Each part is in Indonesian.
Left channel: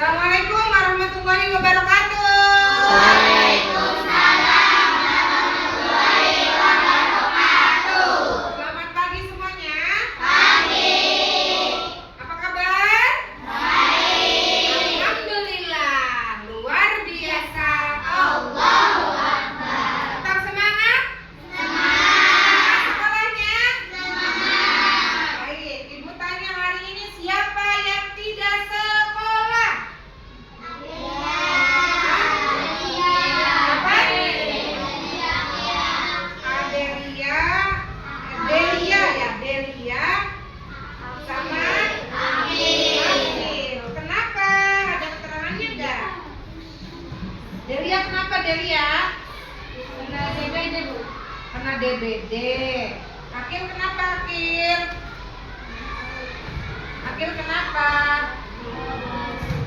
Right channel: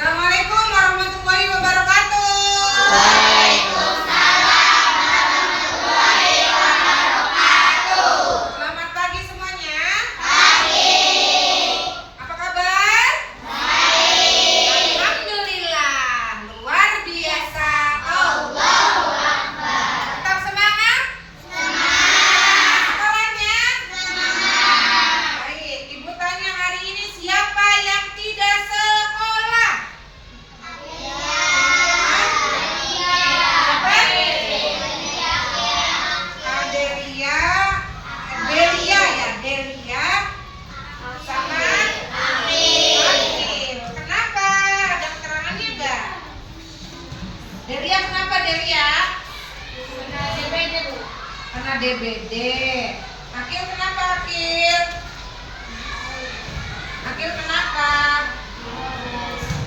Assalamualaikum warahmatullahi wabarakatuh. Waalaikumsalam warahmatullahi wabarakatuh. Selamat pagi semuanya. Pagi. Apa kabar? Baik. Alhamdulillah, luar biasa. Allahu Akbar. Tetap semangat. Semangat. Sekolahnya. Semangat. Baik, Ibu tanya hari ini siapa yang tidak sekolah? Delia sama Amil. Kenapa? Ada keterangannya enggak? Delia kenapa Delia? Karena DBD, Bu. Karena DBD. Akil kenapa Akil? Akil kenapa?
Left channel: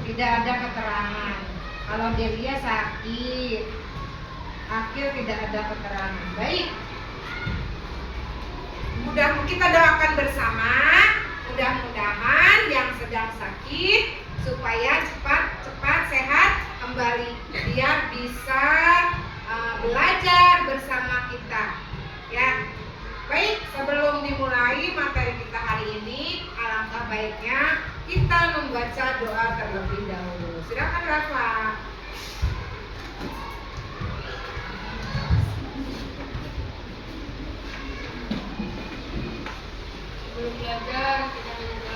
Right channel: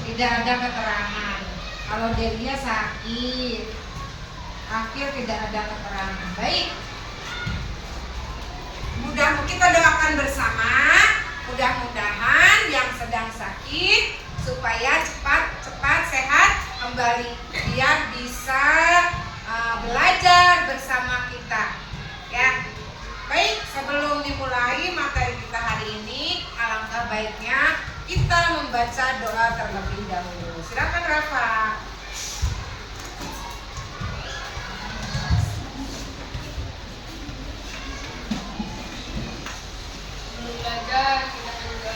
Tidak ada keterangan. Kalau Delia sakit, Akil tidak ada keterangan. Baik. Mudah kita doakan bersama, mudah-mudahan yang sedang sakit supaya cepat sehat kembali, biar bisa belajar bersama kita. Ya, baik. Sebelum dimulai materi kita hari ini, alangkah baiknya kita membaca doa terlebih dahulu. Silakan Rafa. Belum belajar, kita juga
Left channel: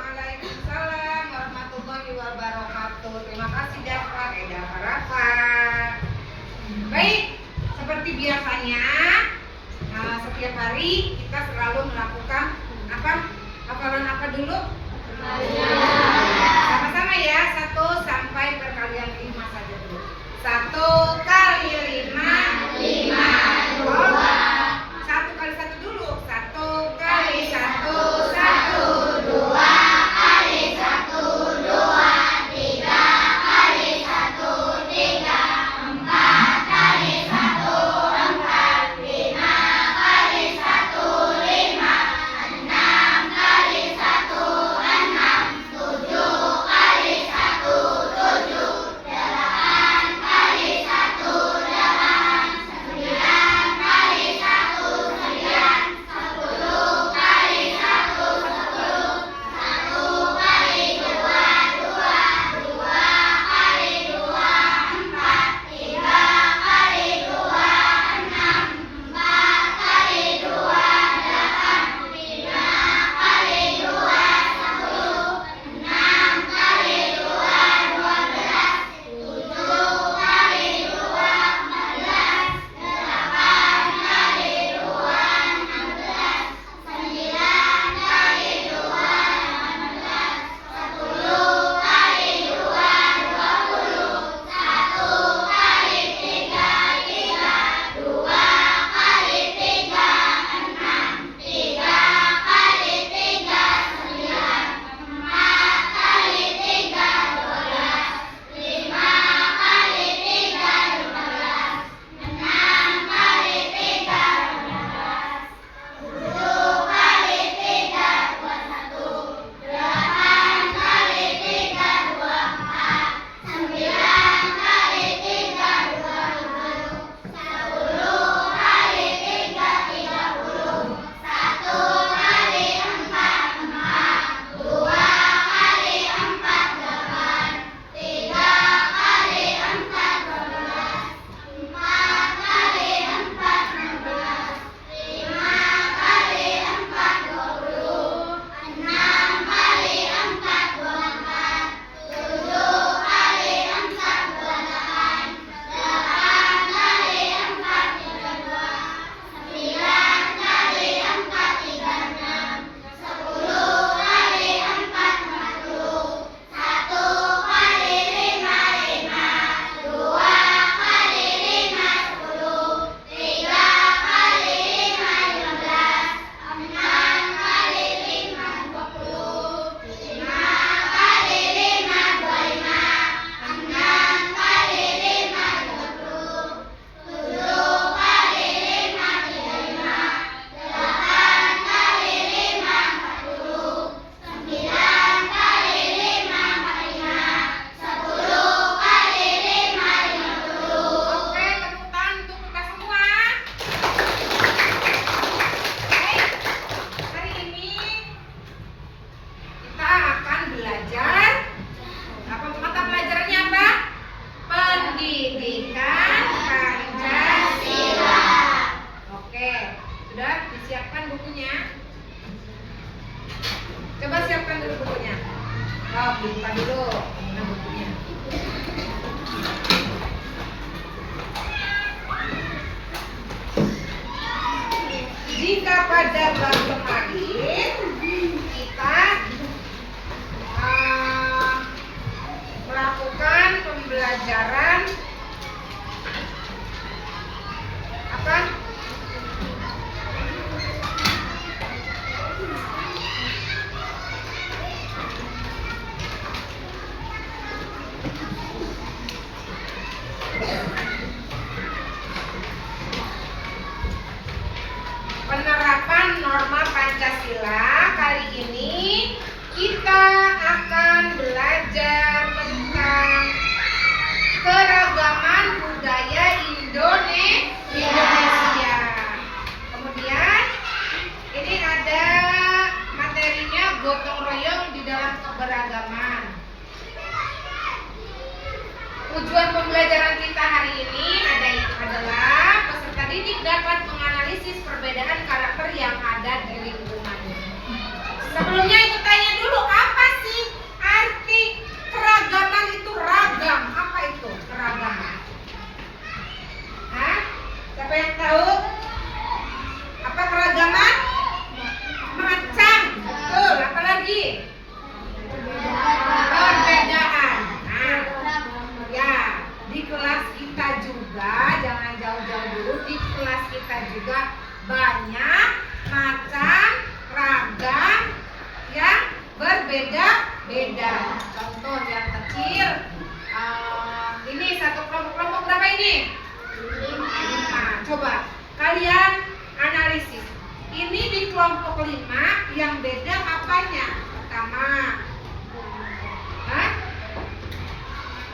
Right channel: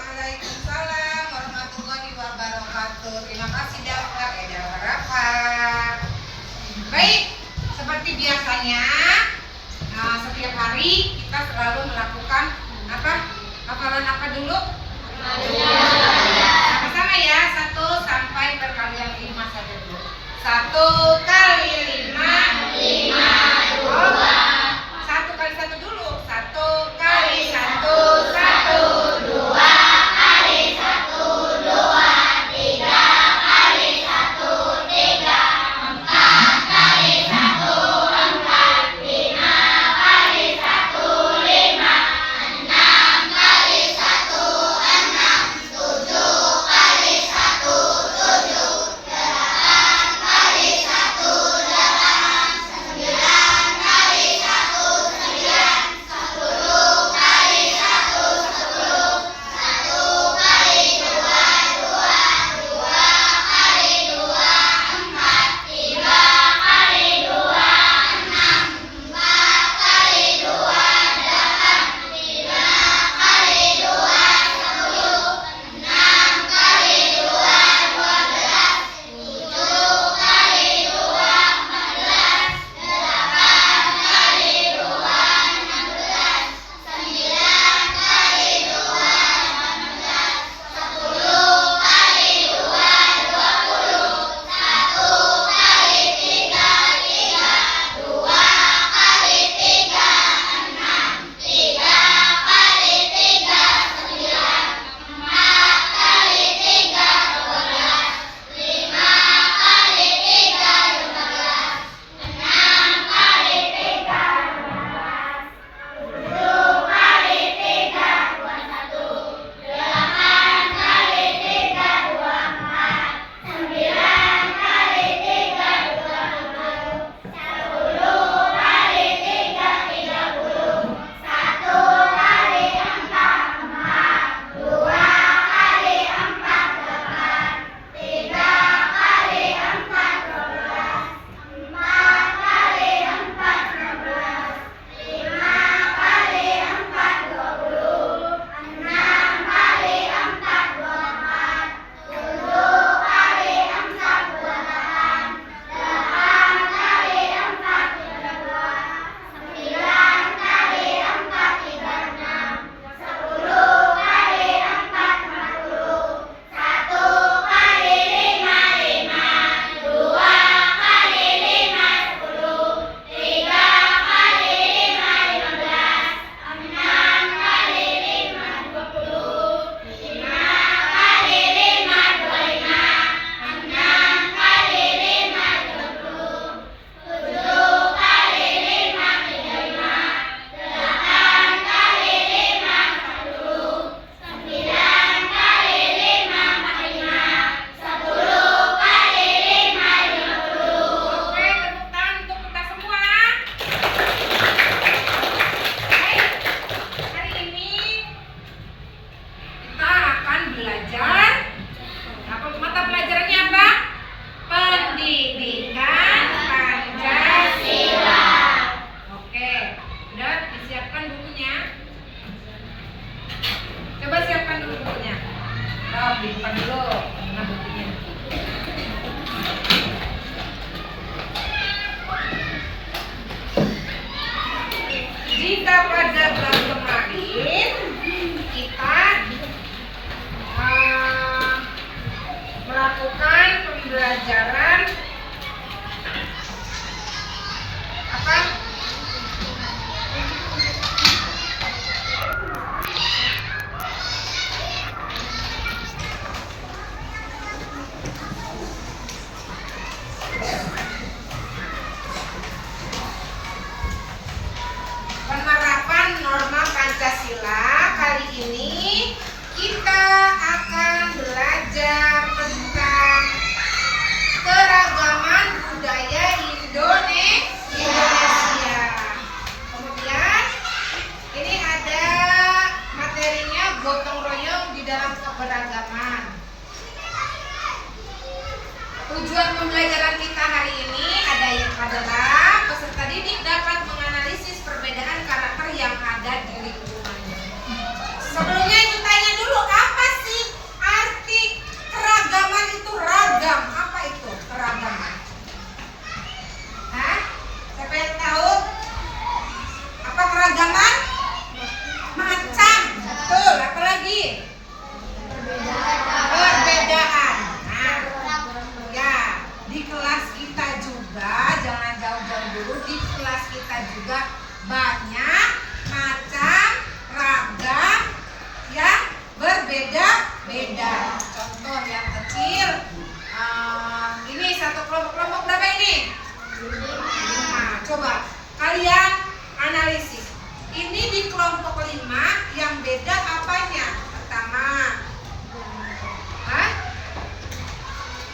Waalaikumsalam warahmatullahi wabarakatuh. Terima kasih Dafar, Rafa. Baik, seperti biasanya, setiap hari kita selalu melakukan apa? Hafalan apa dulu? Sama-sama ya, 1 sampai perkalian 5 saja dulu. 1 kali 5, 1 kali 1 dulu. 1 kali 1, 1. 7 pembelajaran apa? Penerapan norma Pancasila. Kali ini kita akan belajar tentang keragaman budaya Indonesia. Kemudian ini ada materinya gotong royong di dalam keberagaman. Tujuan pembelajaran kita hari ini adalah peserta didik dapat menganalisis perbedaan karakter yang ada di lingkungannya. Sebelumnya itu tanya dulu, apa sih arti keragaman itu? Ragam, apa itu keragaman? Hah? Siapa yang tahu? Apa keragaman? Macam, betul. Apa lagi? Perbedaan. Nah, ya, di kelas kita juga, jangan jauh-jauh dulu, di kelas kita juga banyak macam ragam yang berbeda-beda. Contoh yang kecil, ini satu kelompok berapa ini? 5. Coba kalian analisis. Ini di kelompok 5 yang beda apanya? Pertama,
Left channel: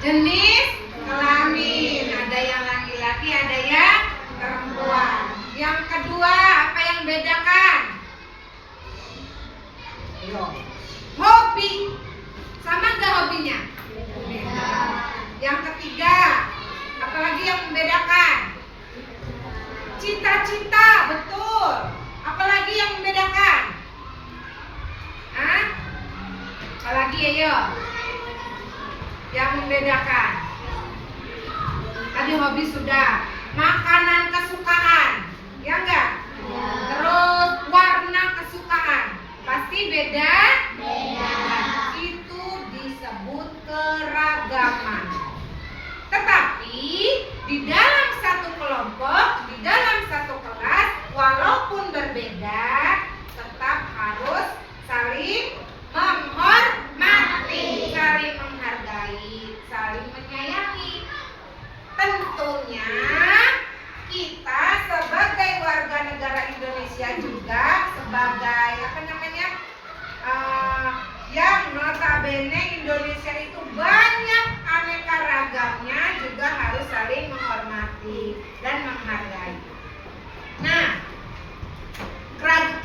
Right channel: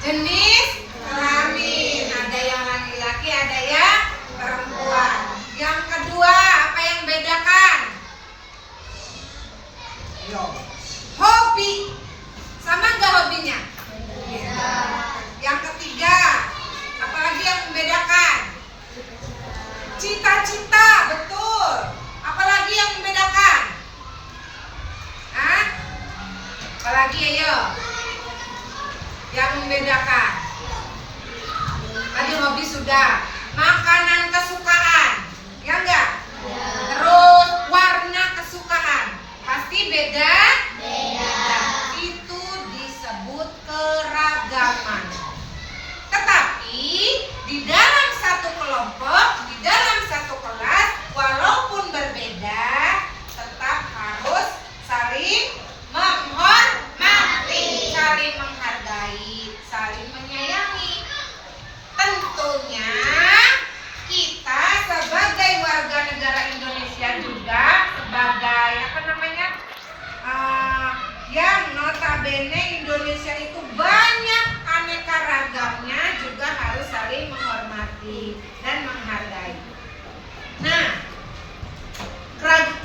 jenis kelamin. Ada yang laki-laki, ada yang perempuan. Yang kedua, apa yang bedakan? Hobi. Sama nggak hobinya? Beda. Yang ketiga, apalagi yang membedakan? Cita-cita, betul. Apalagi yang membedakan? Hah? Apalagi ayo? Yang membedakan? Tadi hobi sudah. Makanan kesukaan, ya enggak? Terus warna kesukaan, pasti beda? Beda. Itu disebut keragaman. Tetapi di dalam satu kelompok, di dalam satu kelas, walaupun berbeda, tetap harus saling menghormati, saling menghargai, saling menyayangi. Tentunya kita sebagai warga negara Indonesia juga sebagai yang notabene Indonesia itu banyak aneka ragamnya, juga harus saling menghormati dan menghargai. Nah,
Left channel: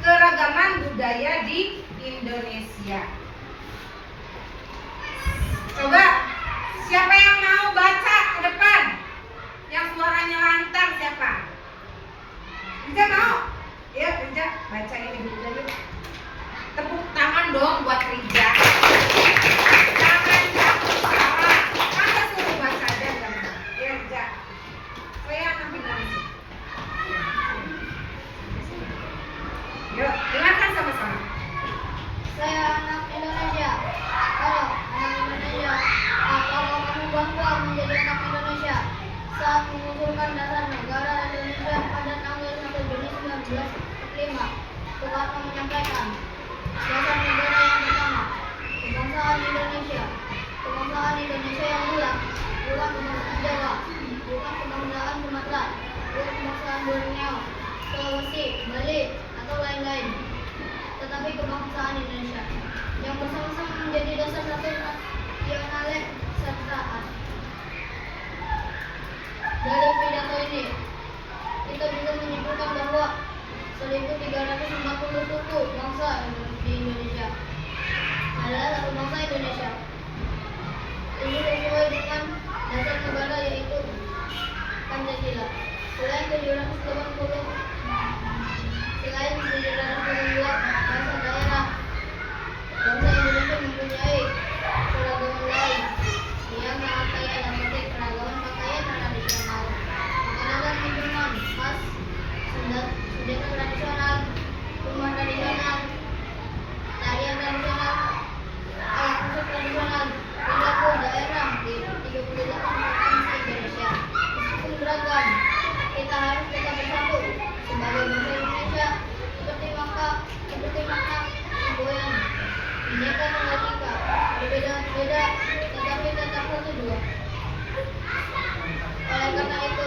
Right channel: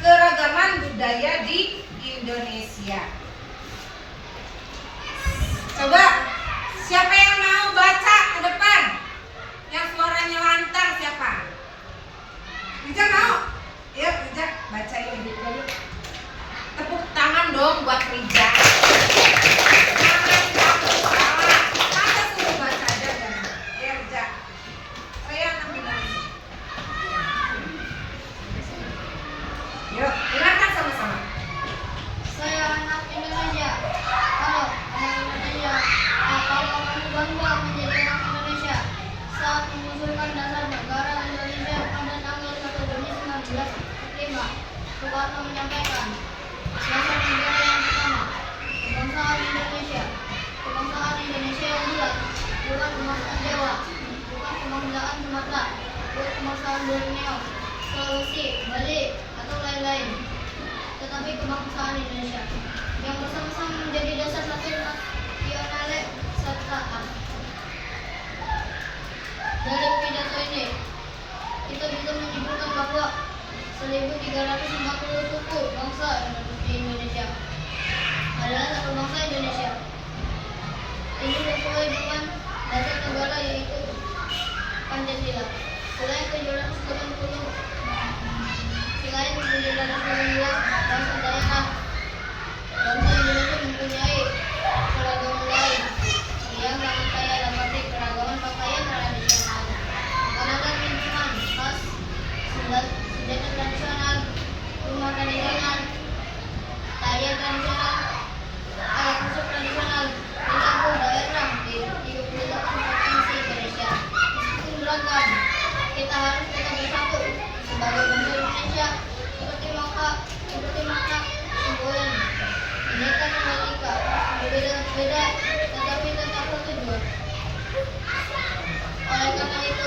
keragaman budaya di Indonesia. Coba siapa yang mau baca ke depan? Yang suaranya lantang siapa? Rija mau? Yuk Rija, baca ini dulu. Tepuk tangan dong buat Rija. Jangan takut salah. Masa suruh baca aja kan? Ya Rija. Saya akan bilang. Yuk, dengarkan sama-sama. Saya anak Indonesia. Halo, anak Indonesia. Apakah kamu bangga menjadi anak Indonesia? Saat mengusulkan dasar negara Indonesia pada tanggal 1 Juni 1945, Soekarno menyampaikan, dasar negara yang pertama, kebangsaan Indonesia. Kebangsaan Indonesia yang bulat, bukan kebangsaan Jawa, bukan kebangsaan Sumatera, bukan kebangsaan Borneo, Sulawesi, Bali, atau lain-lain, tetapi kebangsaan Indonesia yang bersama-sama menjadi dasar satu nasionale serta hak. Dari pidato ini, kita bisa menyimpulkan bahwa 1.340 suku bangsa di Indonesia adalah satu bangsa Indonesia. Ini sesuai dengan dasar negara yaitu Pancasila. Selain 742 bangsa daerah, bangsa Indonesia mempunyai keragaman lain yang sangat kaya dalam arti keragaman pakaian tradisional, makanan dan minuman khas, senjata tradisional, rumah tradisional, tarian tradisional, alat musik tradisional, 30 daerah di 38 kedua. Oleh karena itu,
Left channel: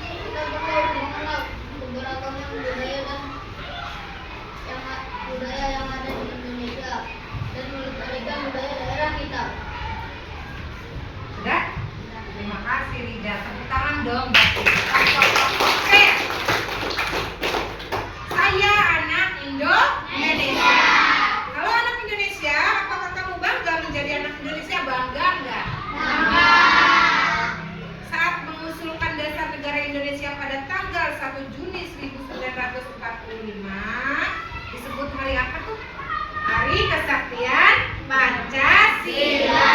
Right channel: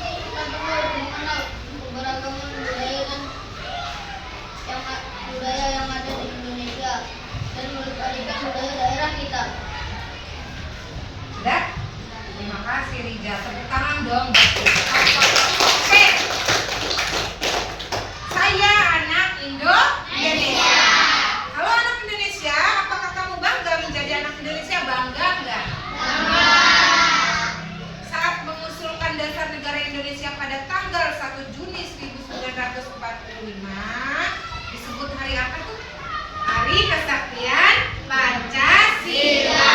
kita perlu mengenal keberagaman budaya yang ada di Indonesia dan melestarikan budaya daerah kita. Sudah? Terima kasih Rija. Tepuk tangan dong. Oke. Saya anak Indonesia. Kalau anak Indonesia, apakah kamu bangga menjadi anak Indonesia? Bangga enggak? Bangga. Saat mengusulkan dasar negara Indonesia pada tanggal 1 Juni 1945, disebut hari apa tuh? Hari Kesaktian Pancasila.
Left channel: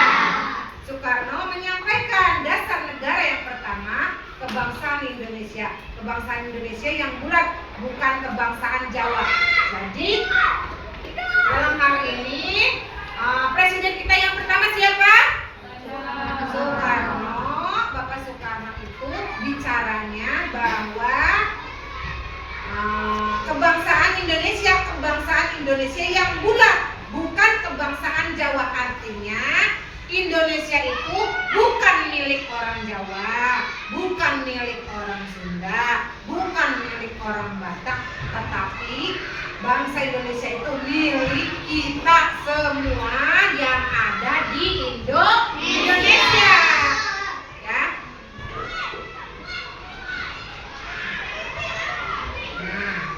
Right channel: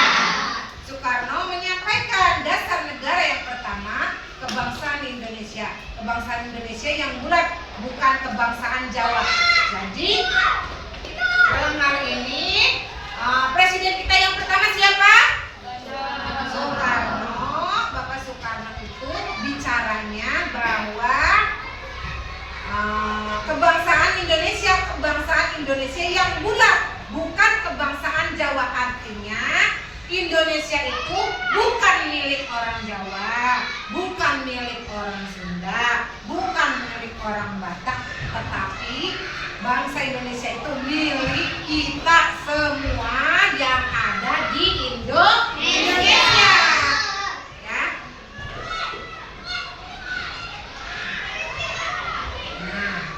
Soekarno menyampaikan dasar negara yang pertama, kebangsaan Indonesia. Kebangsaan Indonesia yang bulat, bukan kebangsaan Jawa. Jadi dalam hal ini presiden kita yang pertama siapa? Soekarno. Bapak Soekarno itu bicaranya bahwa kebangsaan Indonesia yang bulat, bukan kebangsaan Jawa. Artinya Indonesia itu bukan milik orang Jawa, bukan milik orang Sunda, bukan milik orang Batak, tetapi bangsa Indonesia itu milik kita semua yang ada di Indonesia. Ya. Nah,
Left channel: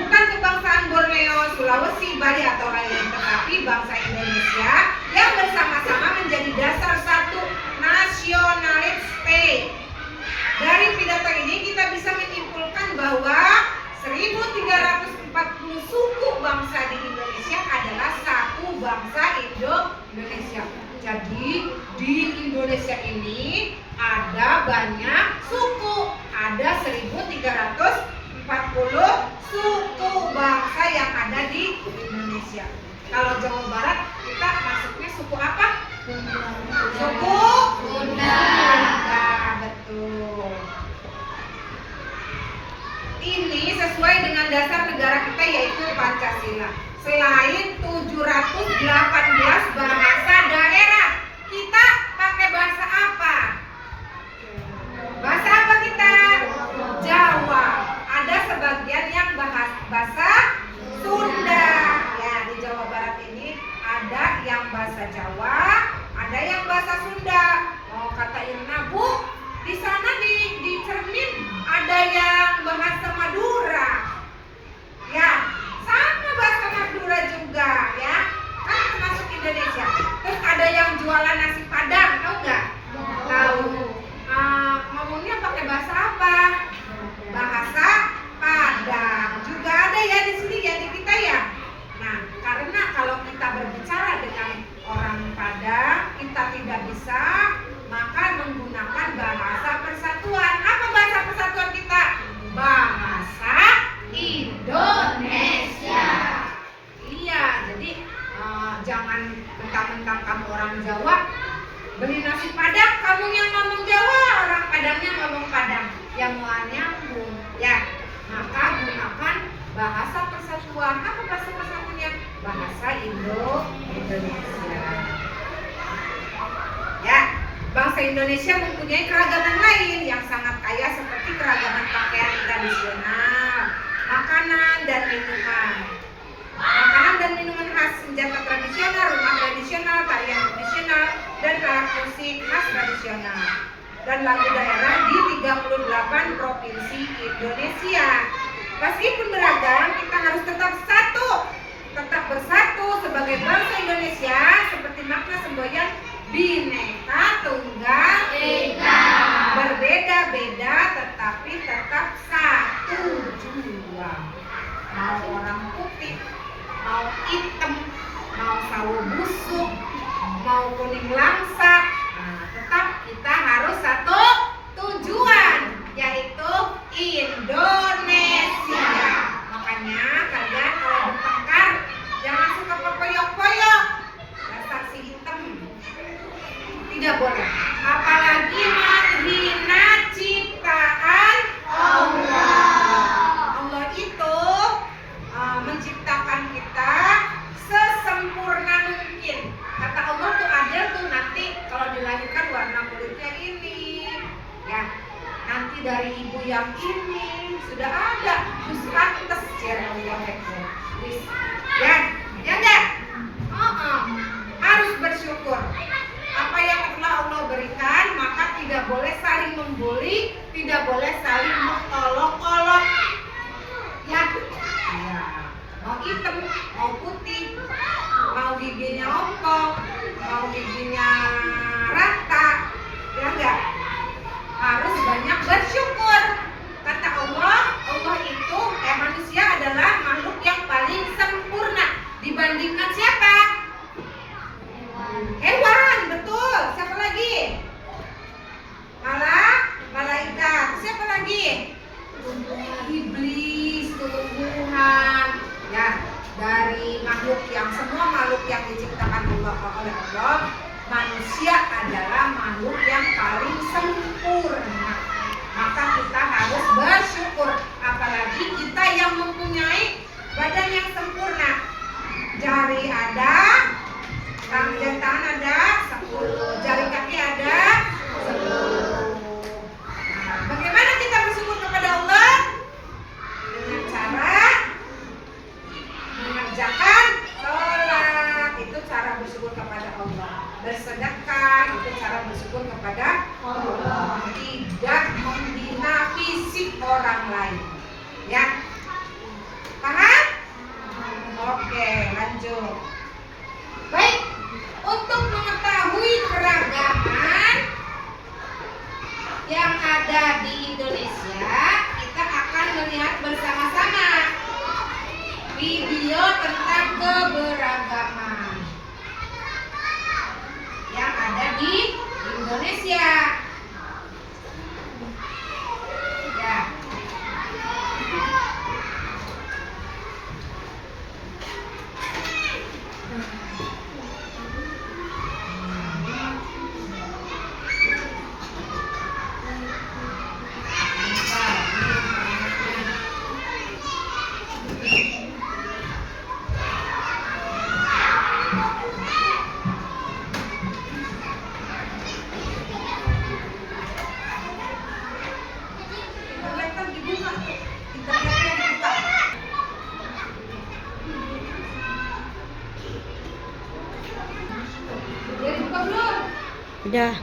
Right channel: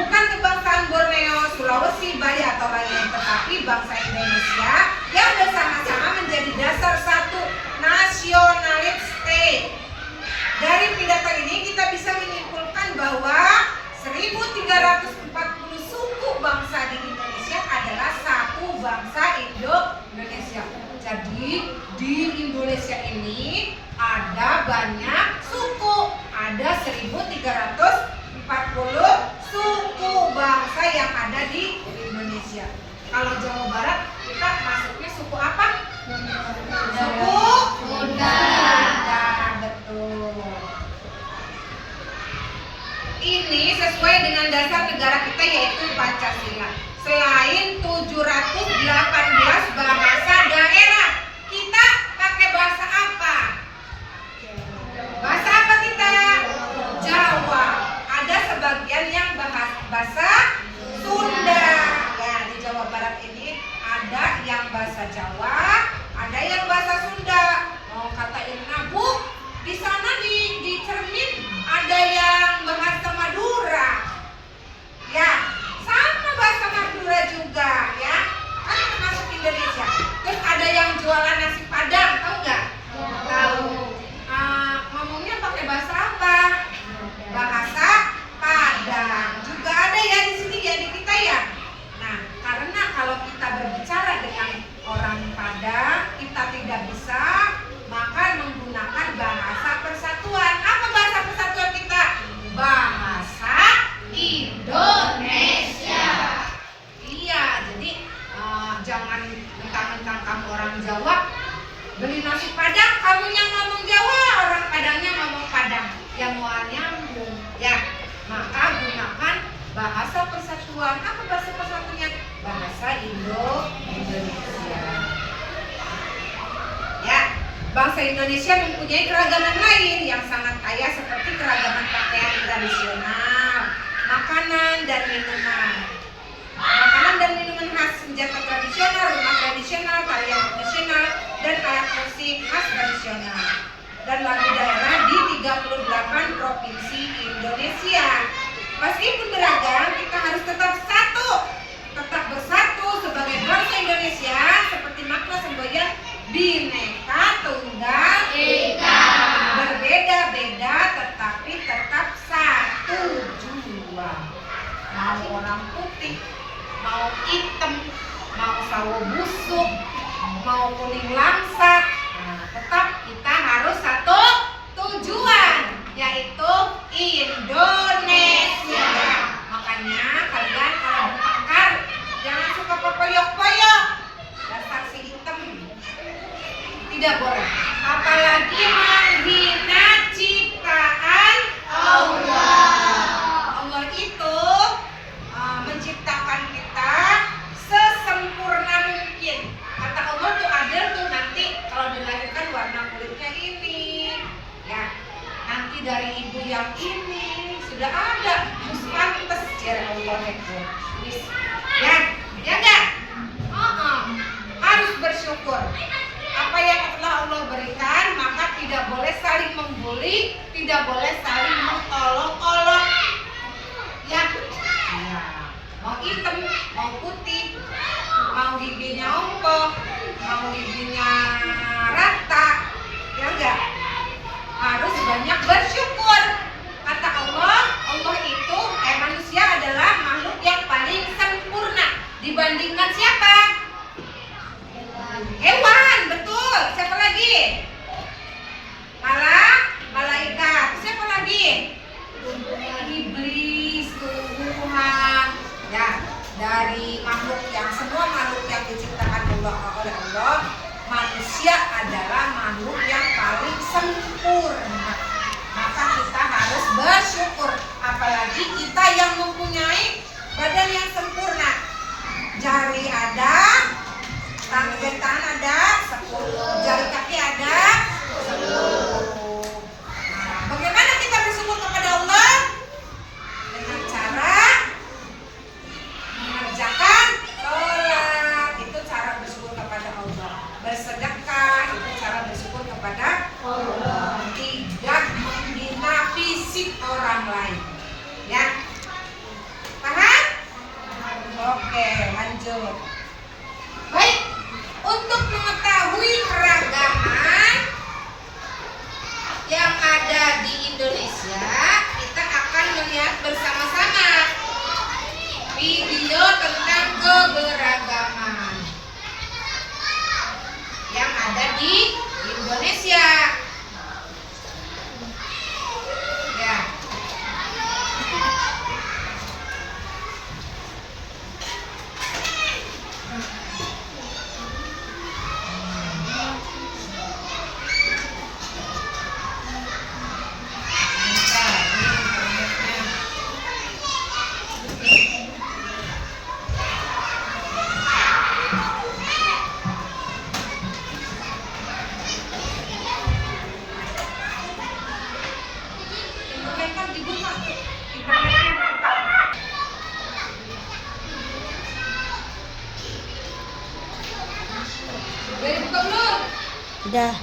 bukan kebangsaan Borneo, Sulawesi, Bali atau lain-lain, tetapi bangsa Indonesia yang bersama-sama menjadi dasar satu nasionalis state. Dari pidato ini kita bisa menyimpulkan bahwa 1340 suku bangsa di Indonesia adalah satu bangsa Indonesia. Jadi di Indonesia ini ada banyak suku, ada 1340 suku bangsa yang ada di Indonesia. Kalau Jawa Barat kita masuknya suku apa? Suku Sunda. Betul. Ini sesuai dengan dasar negara kita yaitu Pancasila. Selain 718 bahasa daerah, kita pakai bahasa apa? Bahasa apa kita? Jawa. Ada sebagian yang bahasa Sunda. Ya, di Jawa Barat ini ada yang bahasa Jawa, ada yang bahasa Sunda. Oh, kata Irna, Bu, di sana di cermin ada yang bahasa Madura. Ya, sama bahasa Madura juga ya. Kan termasuk Indonesia. Terus ada yang jualan nasi Padang, tahu nggak? Tahu. Ngomongnya pakai bahasa apa? Bahasa Padang. Juga ada ya di sini ya di kita ya. Nah, karena kalau kita berbicara dengan orang Padang, kita tidak bisa maka menggunakan bahasa persatuan. Apa bahasa persatuan kita? Bahasa Indonesia. Iya, jadi jangan mentang-mentang kamu orang Jawa beli nasi Padang, kamu yang ngomong Jawa, orang Padangnya ngomong Padang, yang mau nyambung ya. Maka gunakan bahasa persatuan. Apa bahasa persatuannya? Bahasa Indonesia. Ya, bangsa Indonesia mempunyai keragaman lain yang sangat kaya seperti keragaman pakaian tradisional, makanan dan minuman. Makanan dan minuman khas, senjata tradisional, rumah tradisional, tarian tradisional, dan alat musik khas tradisional. Dan lagu daerah di 38 provinsi Indonesia. Meskipun beragam, kita harus tetap bersatu sebagai bangsa Indonesia, seperti makna semboyan Bhinneka Tunggal Ika. Berbeda-beda tetapi tetap satu jua. Mau orang putih, mau hitam, mau sawo busuk, mau kuning langsat, tetap kita harus satu tujuan, yaitu Indonesia. Makanya kalian kalau bertengkar jangan suka pepoyok-poyok dan saksi hitam, tidak boleh. Apalagi menghina ciptaan Allah. Allah itu menciptakan kita sesempurna mungkin. Kata Allah tuh adil tuh, nanti kalau dilahirkan yang ini sudah ada, terus pantas ya Allah ya, ya enggak? Harus bersyukur. Apa yang telah Allah berikan, maka tidak boleh saling membuli, tidak boleh saling mengolok-olok. Ya, mau hitam, mau putih, mau giginya ompong, mau giginya rata, ya enggak? Harus banyak bersyukur. Kata Allah, Allah itu manusia adalah makhluk yang paling sempurna dibandingkan siapa? Hewan, betul. Siapa lagi? Malaikat. Siapa lagi? Iblis, tumbuhan. Ya, dari semua makhluk yang diciptakan oleh Allah, manusia adalah makhluk yang paling sempurna. Maka kita harus bersyukur, apalagi kita yang mempunyai badan yang sempurna. Jari ada, tangan ada 10, jari kaki ada 10. Bagaimana kita bersyukur kepada Allah? Dengan cara mengerjakan sholat, itu cara bersyukur kepada Allah. Bersedekah, itu cara bersyukur kepada Allah. Tidak menghina fisik orang lain. Ya, paham? Oke, lanjut. Baik, untuk mengetahui keragaman yang ada di Indonesia, kita akan melihat bersama-sama video tentang keberagaman yang ada di Indonesia. Ya. Udah.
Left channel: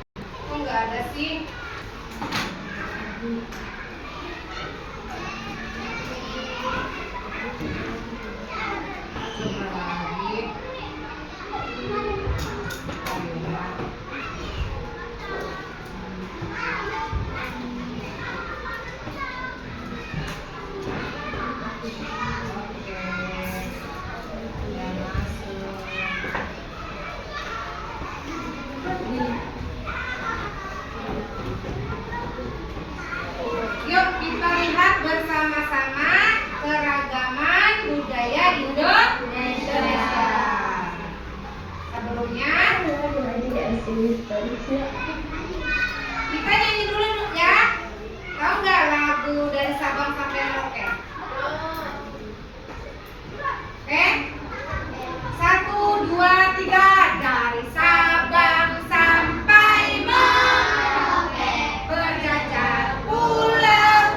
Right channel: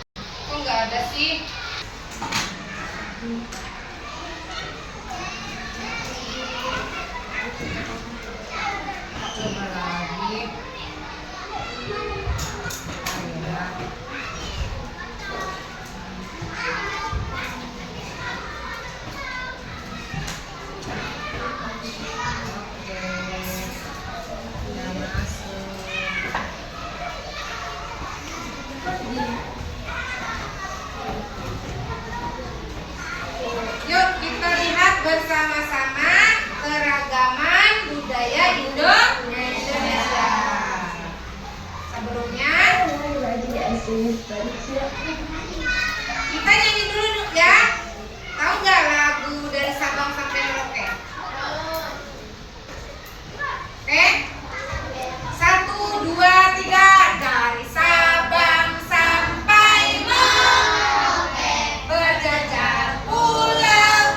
Oh, nggak ada sih. Coba lagi. Yuk kita lihat bersama-sama keragaman budaya Indonesia. Sebelumnya kita nyanyi dulu ya. Tahu nggak lagu dari Sabang sampai Merauke? Oke? 1, 2, 3. Dari Sabang sampai Merauke, berjajar pulau,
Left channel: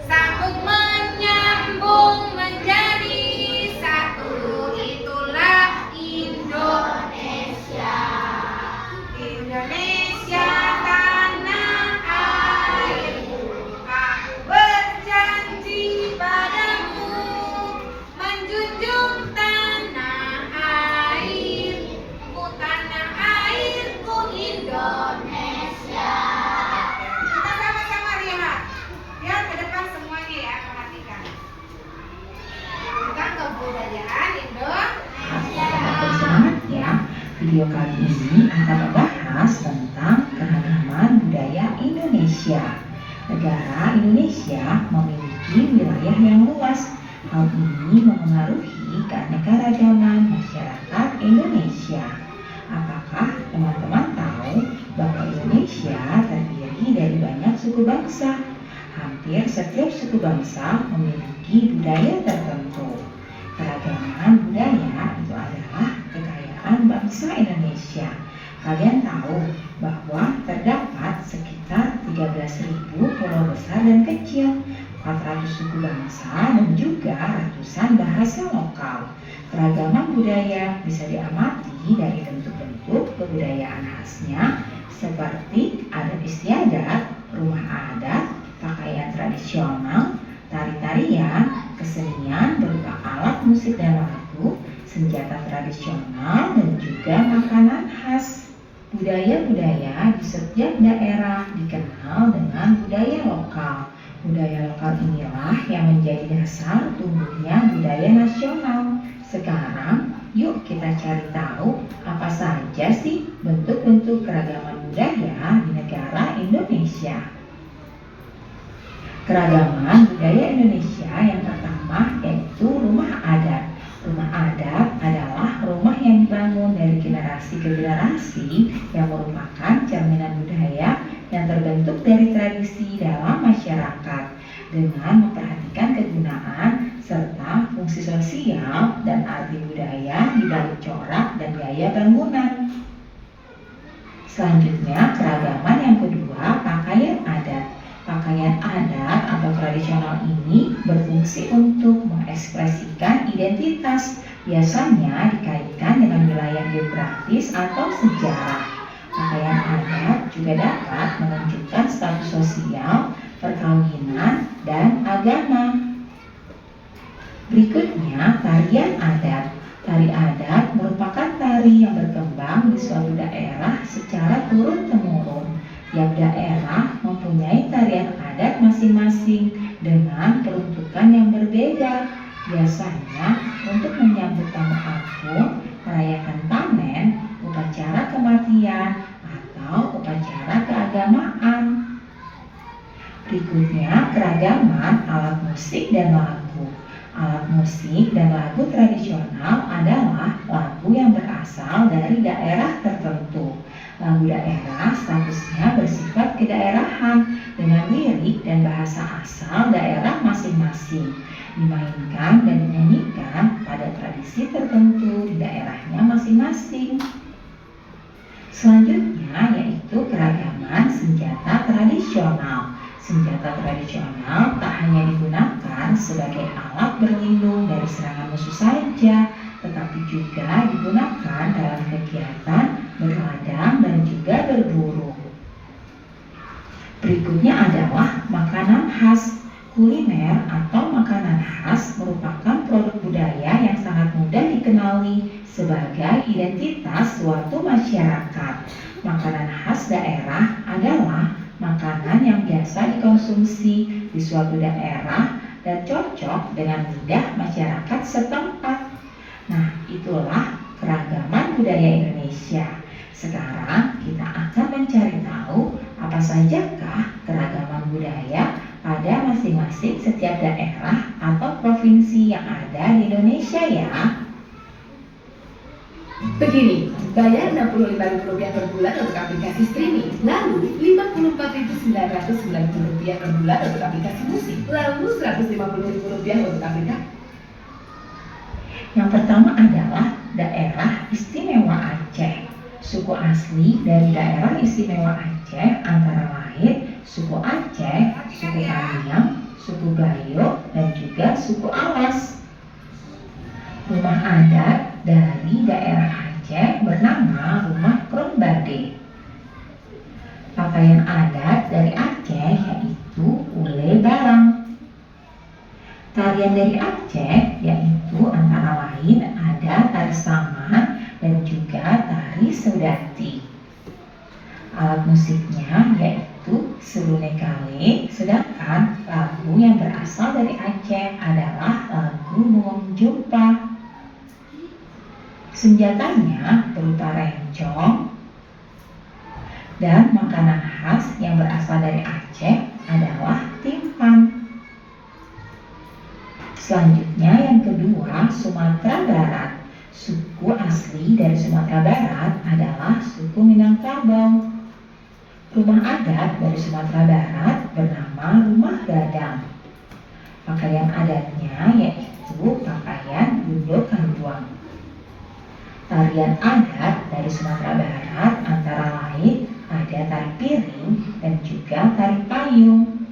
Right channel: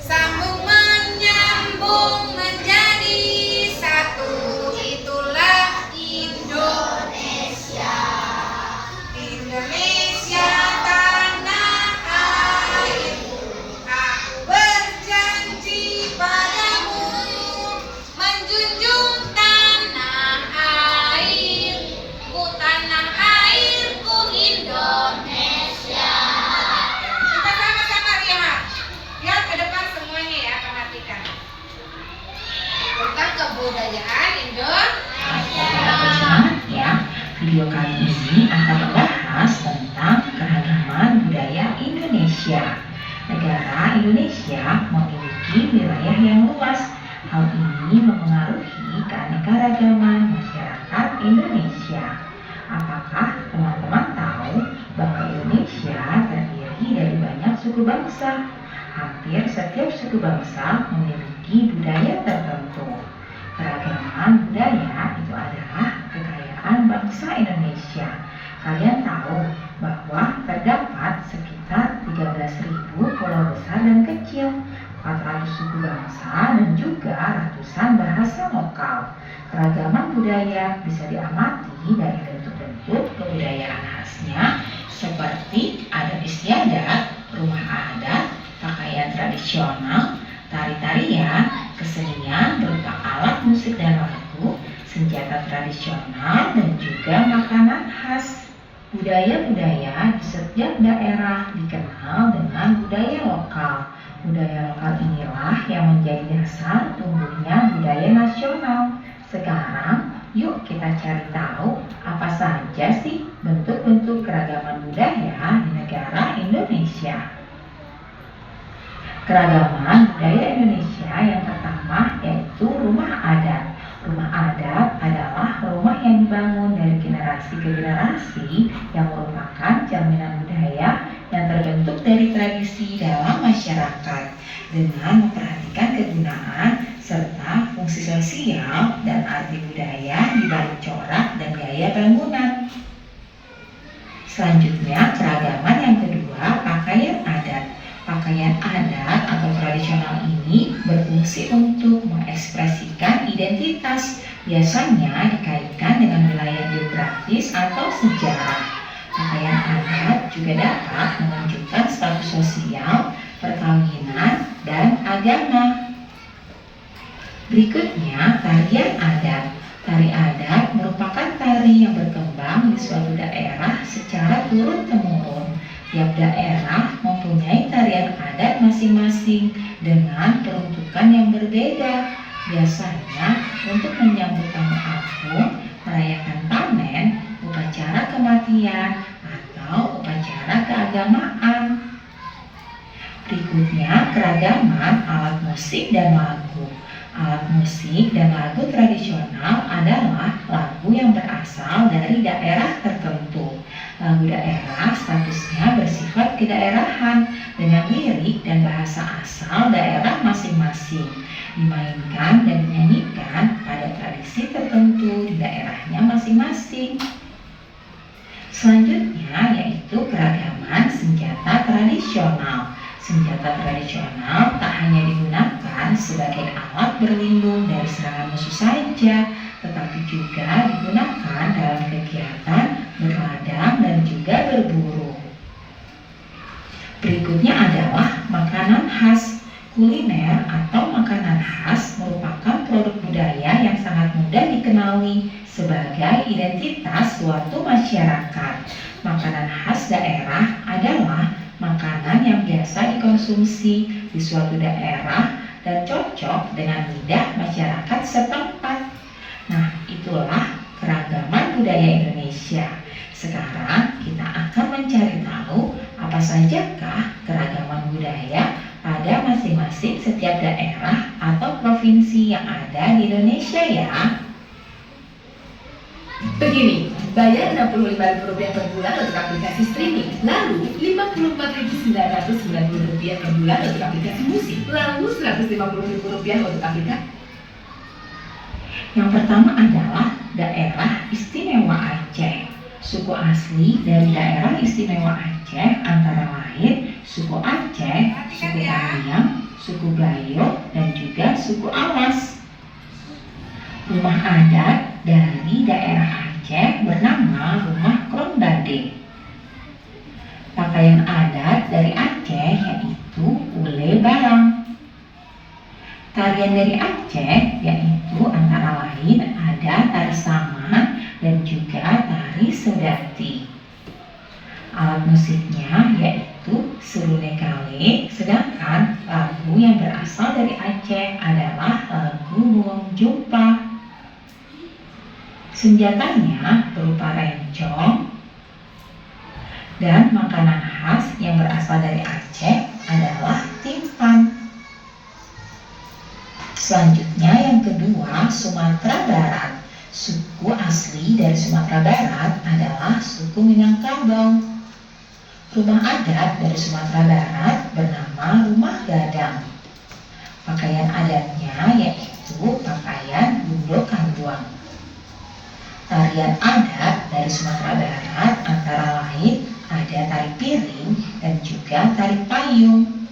sambung menyambung menjadi satu, itulah Indonesia. Indonesia tanah airku, aku berjanji padamu, menjunjung tanah airku, tanah airku Indonesia. Kita sama-sama lihat. Lihat ke depan semuanya ya, perhatikan. Tentang kebudayaan Indonesia. Semangat ya, video kali ini akan membahas tentang keragaman budaya Indonesia. Negara Indonesia memiliki wilayah yang luas. Hal ini mempengaruhi keanekaragaman masyarakat Indonesia. Apakah teman-teman tahu bahwa Indonesia terdiri dari banyak suku bangsa? Hampir setiap suku bangsa memiliki budaya tertentu. Keragaman budaya itu adalah kekayaan bangsa Indonesia. Kalian tahu bahwa terdapat sekitar 13.000 suku bangsa dan juga ratusan bahasa lokal. Keragaman budaya bisa diamati dari bentuk-bentuk kebudayaan khasnya seperti adat istiadat, rumah adat, pakaian tradisional, tari-tarian, kesenian berupa alat musik dan lagu, senjata tradisional, dan juga makanan khas. Budaya-budaya di setiap daerah dikenal dengan budaya lokal. Budaya lokal inilah yang menjadi dasar tumbuhnya budaya nasional. Sekarang, yuk kita cari tahu apa saja sih bentuk-bentuk keragaman budaya di negara Indonesia. Keragaman budaya Indonesia yang pertama yaitu rumah adat. Rumah adat adalah rumah yang dibangun dari generasi ke generasi yang merupakan cerminan budaya yang terbentuk dari tradisi dalam masyarakat dengan memperhatikan kegunaan serta fungsi sosial dan arti budaya di balik corak dan gaya bangunan. Selanjutnya, keragaman yang kedua, pakaian adat. Pakaian adat atau tradisional ini berfungsi untuk mengekspresikan identitas, biasanya dikaitkan dengan wilayah geografis atau sejarah. Pakaian adat juga dapat menunjukkan status sosial, perkawinan, dan agama. Berikutnya, tarian adat. Tari adat merupakan tari yang berkembang di suatu daerah secara turun-temurun. Tiap daerah mempunyai tarian adat masing-masing dengan peruntukan yang berbeda. Biasanya untuk menyambut tamu agung, merayakan panen, upacara kematian, atau upacara keagamaan. Berikutnya, keragaman alat musik dan lagu. Alat musik dan lagu tradisional adalah lagu yang berasal dari daerah tertentu. Lagu daerah statusnya bersifat kedaerahan dengan lirik dan bahasa asal daerah masing-masing, dimainkan dan dinyanyikan pada tradisi tertentu di daerahnya masing-masing. Selanjutnya yaitu keragaman senjata tradisional. Senjata tradisional tak hanya digunakan sebagai alat berlindung dari serangan musuh saja, tetapi juga digunakan dalam kegiatan berladang dan juga berburu. Berikutnya adalah makanan khas. Kuliner atau makanan khas merupakan produk budaya yang sangat mudah dikenali sebagai identitas suatu masyarakat. Makanan khas daerah adalah makanan yang biasa dikonsumsi di suatu daerah dan cocok dengan lidah masyarakat setempat. Nah, itulah keragaman budaya Indonesia. Sekarang kita akan mencari tahu apa sajakah keragaman budaya pada masing-masing setiap daerah atau provinsi yang ada di Indonesia ya. Begini, bayar Rp65.000 per bulan untuk aplikasi streaming, lalu Rp54.990 per bulan untuk aplikasi musik, lalu Rp150.000 untuk aplikasi. Yang pertama adalah daerah istimewa Aceh. Suku asli dari daerah istimewa Aceh antara lain suku Aceh, suku Paniang, suku Gayo, dan juga suku Awas. Rumah adat dari daerah Aceh bernama Rumah Kronbade. Pakaian adat dari Aceh yaitu Ule Balang. Tarian dari Aceh yaitu antara lain ada tari saman dan juga tari sedati. Alat musiknya yaitu serune kale, sedangkan lagu yang berasal dari Aceh adalah lagu Buang Jumpa. Senjatanya berupa rencong, dan makanan khas yang berasal dari Aceh adalah timpan. Selanjutnya yang kedua, Sumatera Barat. Suku asli dari Sumatera Barat adalah suku Minangkabau. Rumah adat dari Sumatera Barat bernama Rumah Gadang. Pakaian adatnya yaitu pakaian Bundo Kambuang. Tarian adat dari Sumatera Barat antara lain ada tari piring dan juga tari payung.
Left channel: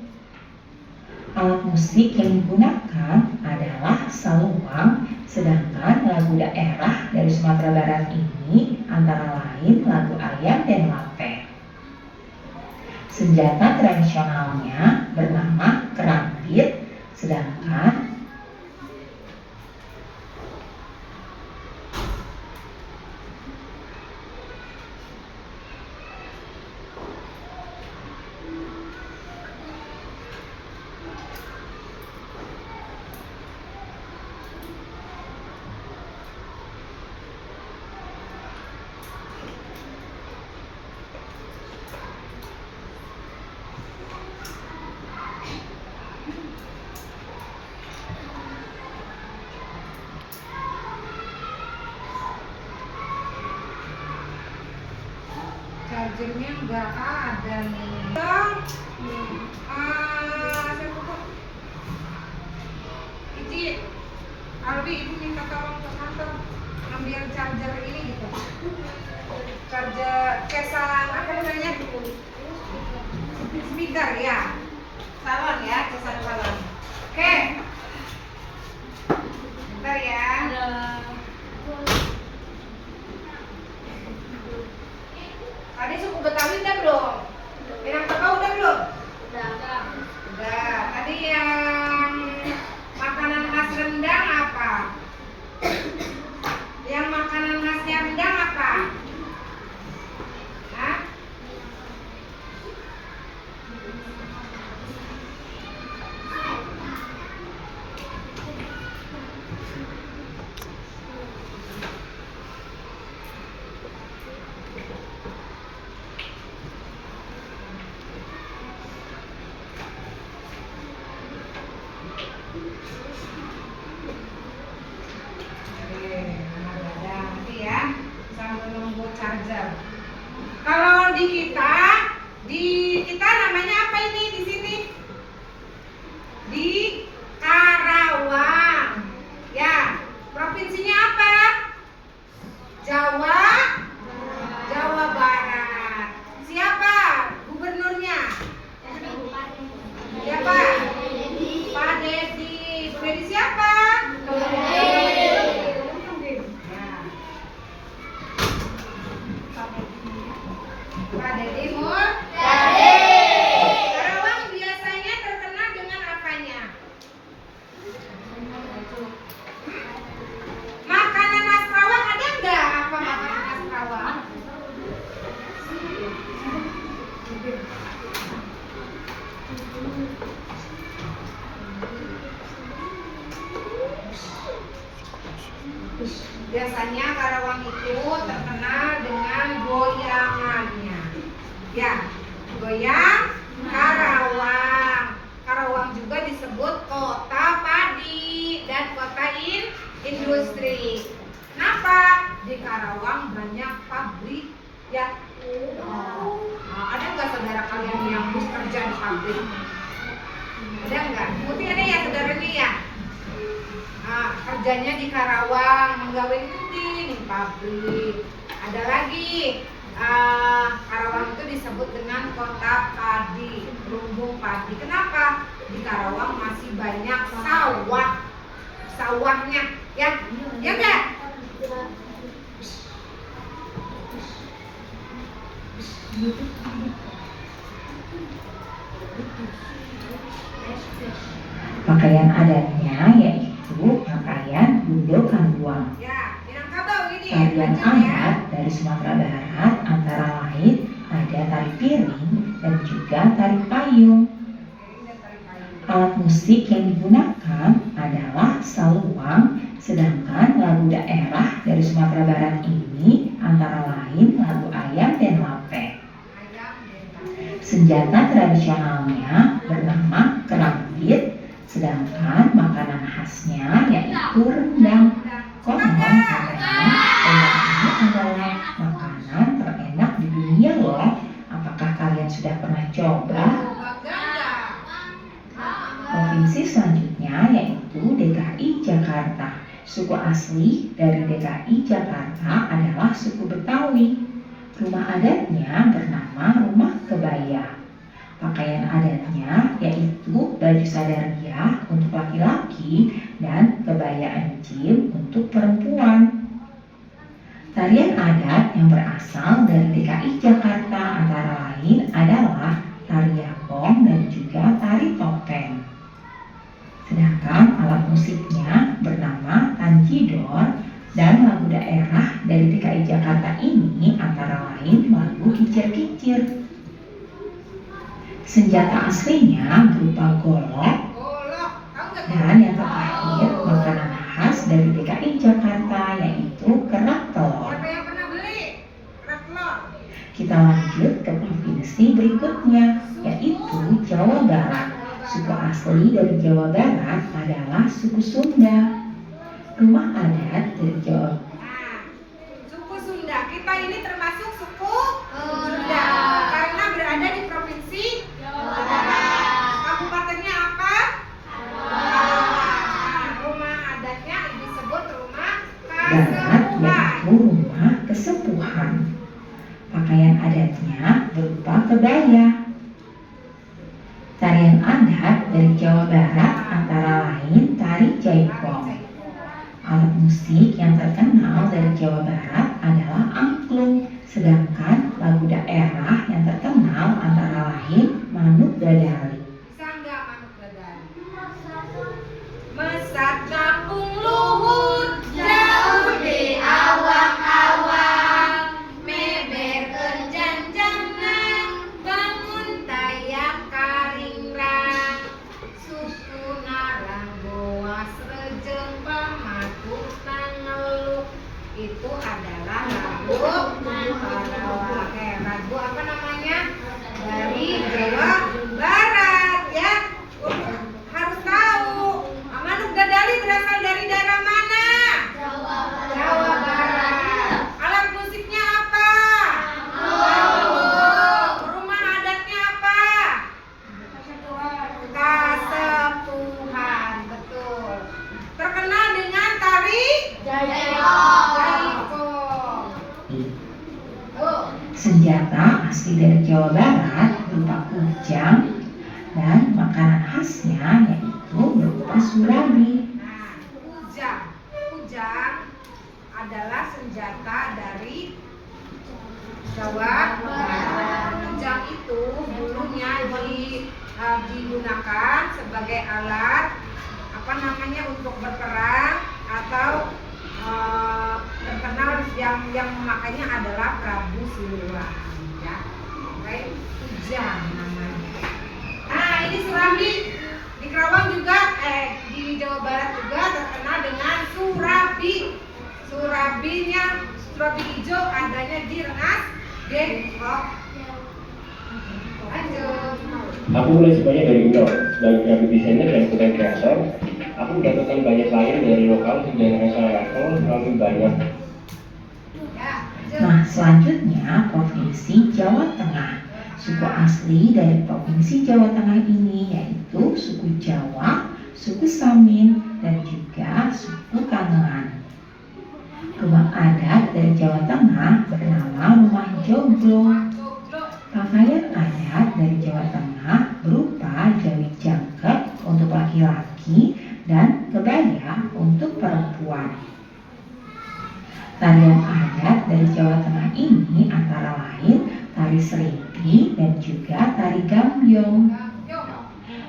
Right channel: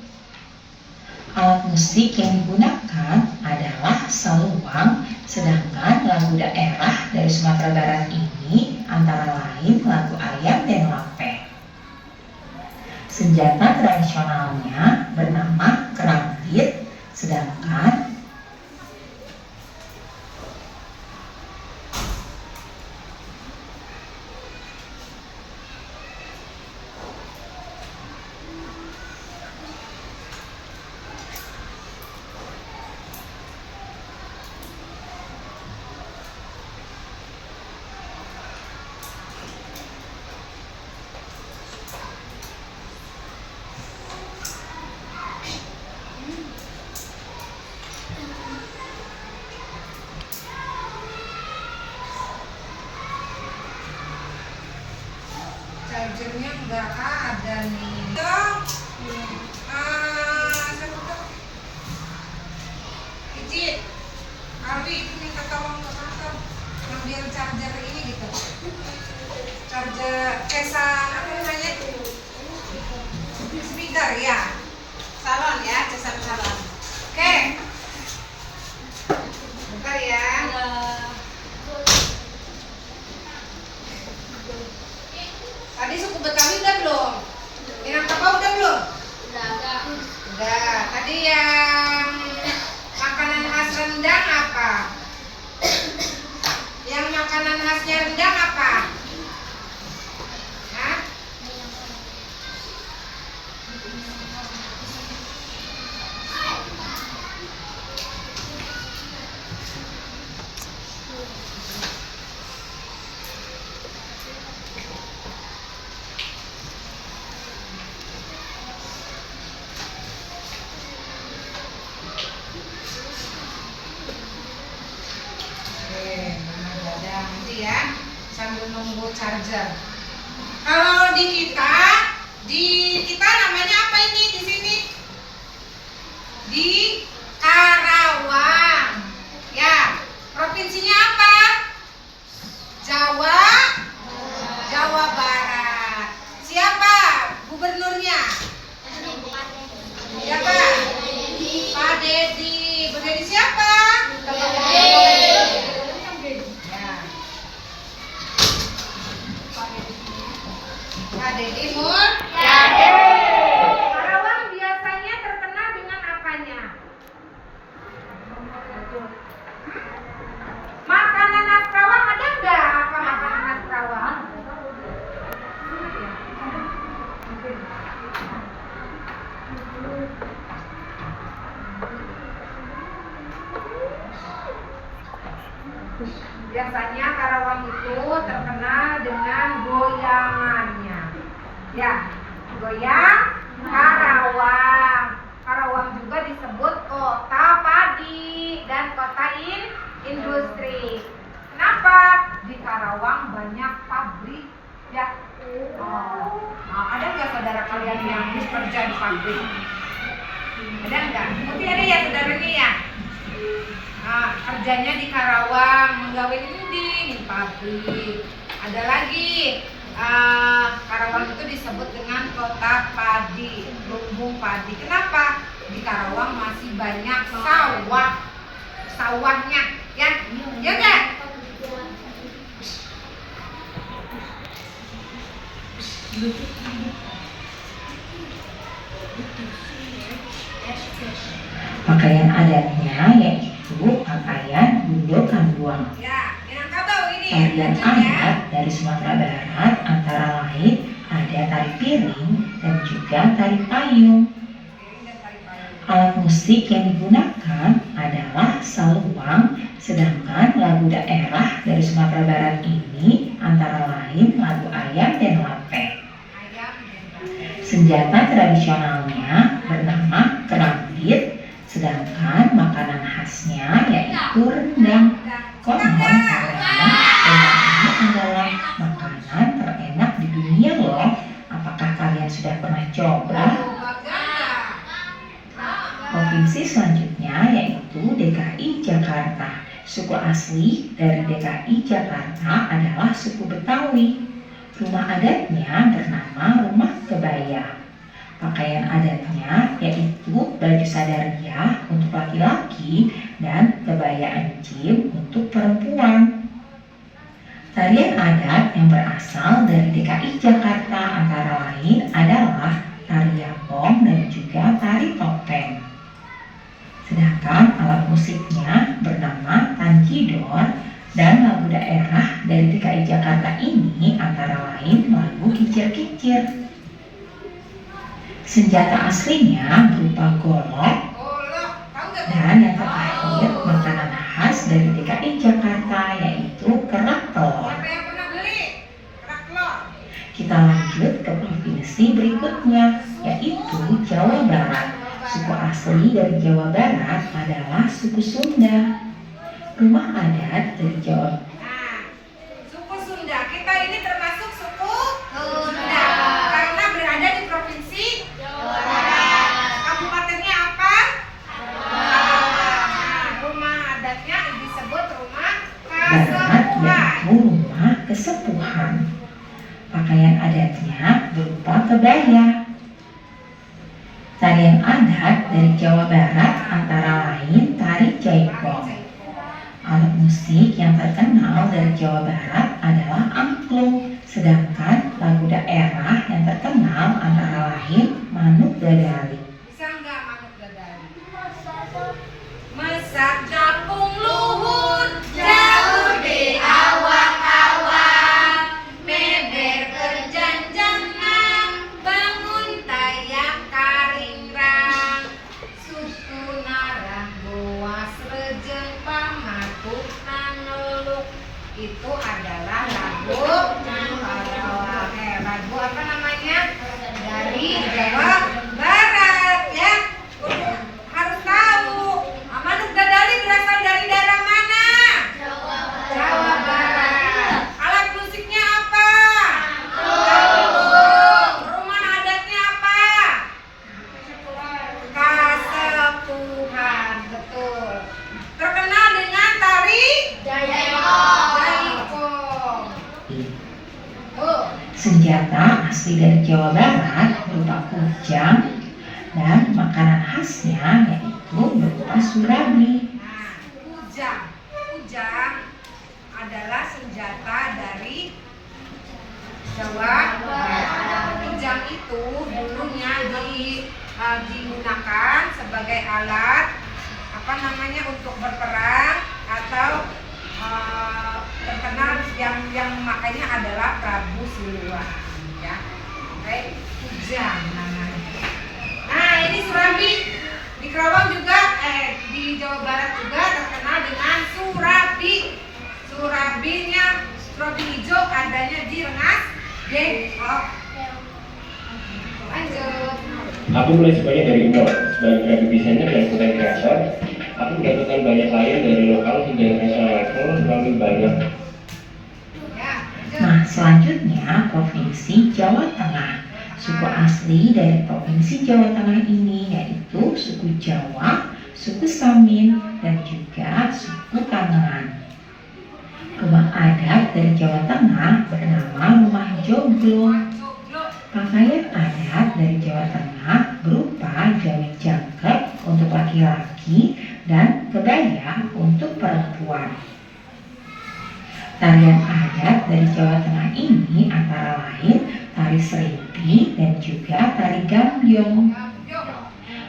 Alat musik yang digunakan adalah saluang, sedangkan lagu daerah dari Sumatera Barat ini antara lain lagu ayam dan lape. Senjata tradisionalnya bernama kerambit, sedangkan chargernya nggak ada nih. Siapa tuh? Icit, Alwi itu minta tolong ke kantor ambil charger ini gitu. Charger kesan apa namanya tuh? Speaker ya. Salon ya, kesan salon. Oke. Bentar ya. Tadi suku Betawi udah belum? Minangkabau udah belum? Udah. Tadi yang makanan khas Rendang apa? Yang makanan khasnya Rendang apa? Hah? Nanti ya sambil nunggu charger. Kalau di kita namanya apa ini di sini? Di Karawang. Ya, provinsinya apa? Jawa Barat. Siapa gubernurnya? Siapa? Pak Dedi. Pak Dedi siapa? Pak Dedi Karawang biasanya terkenal dengan apanya? Makanan khas Karawang ada nggak? Apa makanan khas Karawang? Biasanya Karawang itu terkenal dengan goyangannya. Ya, goyang Karawang. Karawang juga disebut kota padi dan kota industri. Kenapa? Di Karawang banyak pabrik. Ya. Ada nggak saudara kalian yang bekerja di pabrik? Ada nggak? Mungkin ada ya saudara ini ya. Kerjanya di Karawang, menggawe di pabrik. Ada lagi, Karawang itu disebut dengan kota padi, lumbung padi. Kenapa? Di Karawang masih banyak sawahnya, ya nggak? pakaian adatnya yaitu pakaian Bundo Kambuang. Ya, Minangkabau ini. Tarian adat dari Sumatera Barat antara lain ada tari piring dan juga tari payung. Alat musik yang digunakan adalah saluang, sedangkan lagu daerah dari Sumatera Barat ini antara lain lagu ayam dan lape. Senjata tradisionalnya bernama kerambit, sedangkan makanan khasnya yaitu rendang. Konon karena rendang ini adalah makanan terenak di dunia loh. Apakah kalian sudah pernah coba? Provinsi selanjutnya yaitu DKI Jakarta. Suku asli dari DKI Jakarta adalah suku Betawi. Rumah adatnya bernama Rumah Kebaya. Pakaian adatnya yaitu baju sadaria untuk laki-laki dan kebaya encim untuk perempuan. Tarian adat yang berasal dari DKI Jakarta antara lain adalah tari yapong dan juga tari topeng. Sedangkan alat musiknya bernama tanjidor dan lagu daerah dari DKI Jakarta ini antara lain lagu Kicir-Kicir. Senjata aslinya berupa golok dan yang terakhir makanan khas dari DKI Jakarta yaitu kerak telur. Siapa yang pernah beli kerak telur? Kita lanjut ke provinsi berikutnya yaitu Jawa Barat. Suku asli dari Jawa Barat adalah suku Sunda. Rumah adat dari Jawa Nah, suku Sunda. Kita ini termasuk suku Sunda karena berada di provinsi Jawa Barat. Kabupatennya apa? Nah, rumah adatnya disebut rumah Barat Kasepuhan. yaitu rumah kesepuhan. Pakaian adatnya berupa kebaya. Tarian adat dari Jawa Barat antara lain tari jaipong. Alat musik yang terkenal dari Jawa Barat adalah angklung, sedangkan lagu daerah yang terkenal antara lain Manuk Dadali. Bisa nggak manuk dadali? Mesak kampung luhur jauh di awang-awang, meber kenjanjangan bangun tayak karingrang, suku narang boas rejeng pamatuk naneluk. Itu adalah lagu lagu apa namanya? Dari Jawa Barat ya. Harus tahu. Manuk dadali berasal dari daerah mana? Jawa Barat. Alat musiknya apa? Rumah adatnya apa? Kasepuhan, betul. Terkenal dengan tari jaipong. Tuh. Senjata asli dari Jawa Barat berupa kujang dan makanan khasnya yaitu berupa surabi. Nah, kujang adalah senjata dari Jawa Barat. Kujang itu dulunya digunakan sebagai alat apa namanya untuk berperang atau terkenal yang memakainya adalah Prabu Siliwangi ya. Oke, kujang namanya. Nah, ini surabi. Di Kerawang juga di Jawa Barat juga terkenal dengan surabi. Surabinya surabi hijau adanya di Rengas Dengklok. Lanjut. Aku mulai sebagai dari nol, sebagai grafik desainer dan content creator. Aku mendapatkan banyak klien dari lokal hingga internasional level melalui banyak. Ya, lanjut. Nah, selanjutnya Provinsi Jawa Tengah. Suku asli dari Provinsi Jawa Tengah ini yaitu suku Jawa, suku Samin, dan juga suku Kangean. Rumah adat dari Jawa Tengah bernama Rumah Joglo. Pakaian adat dari Jawa Tengah berupa jawit jangkep untuk laki-laki dan kebaya untuk perempuan. Tarian adat dari Jawa Tengah ini antara lain tari serimpi dan juga tari gambyong.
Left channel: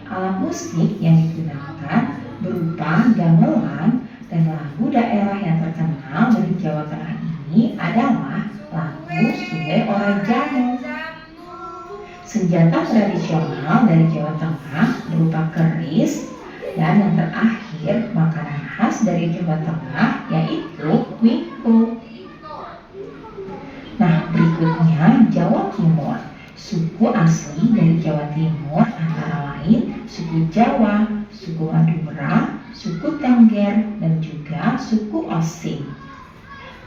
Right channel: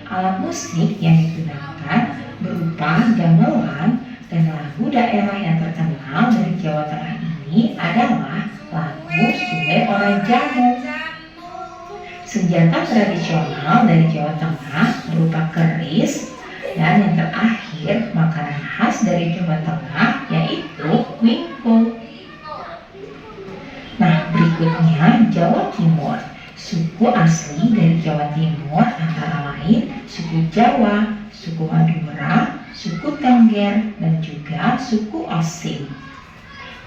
Alat musik yang digunakan berupa gamelan dan lagu daerah yang terkenal dari Jawa Tengah ini adalah lagu Sule Ora Jamu. Senjata tradisional dari Jawa Tengah berupa keris dan yang terakhir makanan khas dari Jawa Tengah yaitu wingko. Nah, berikutnya Jawa Timur. Suku asli dari Jawa Timur antara lain suku Jawa, suku Madura, suku Tengger, dan juga suku Osing.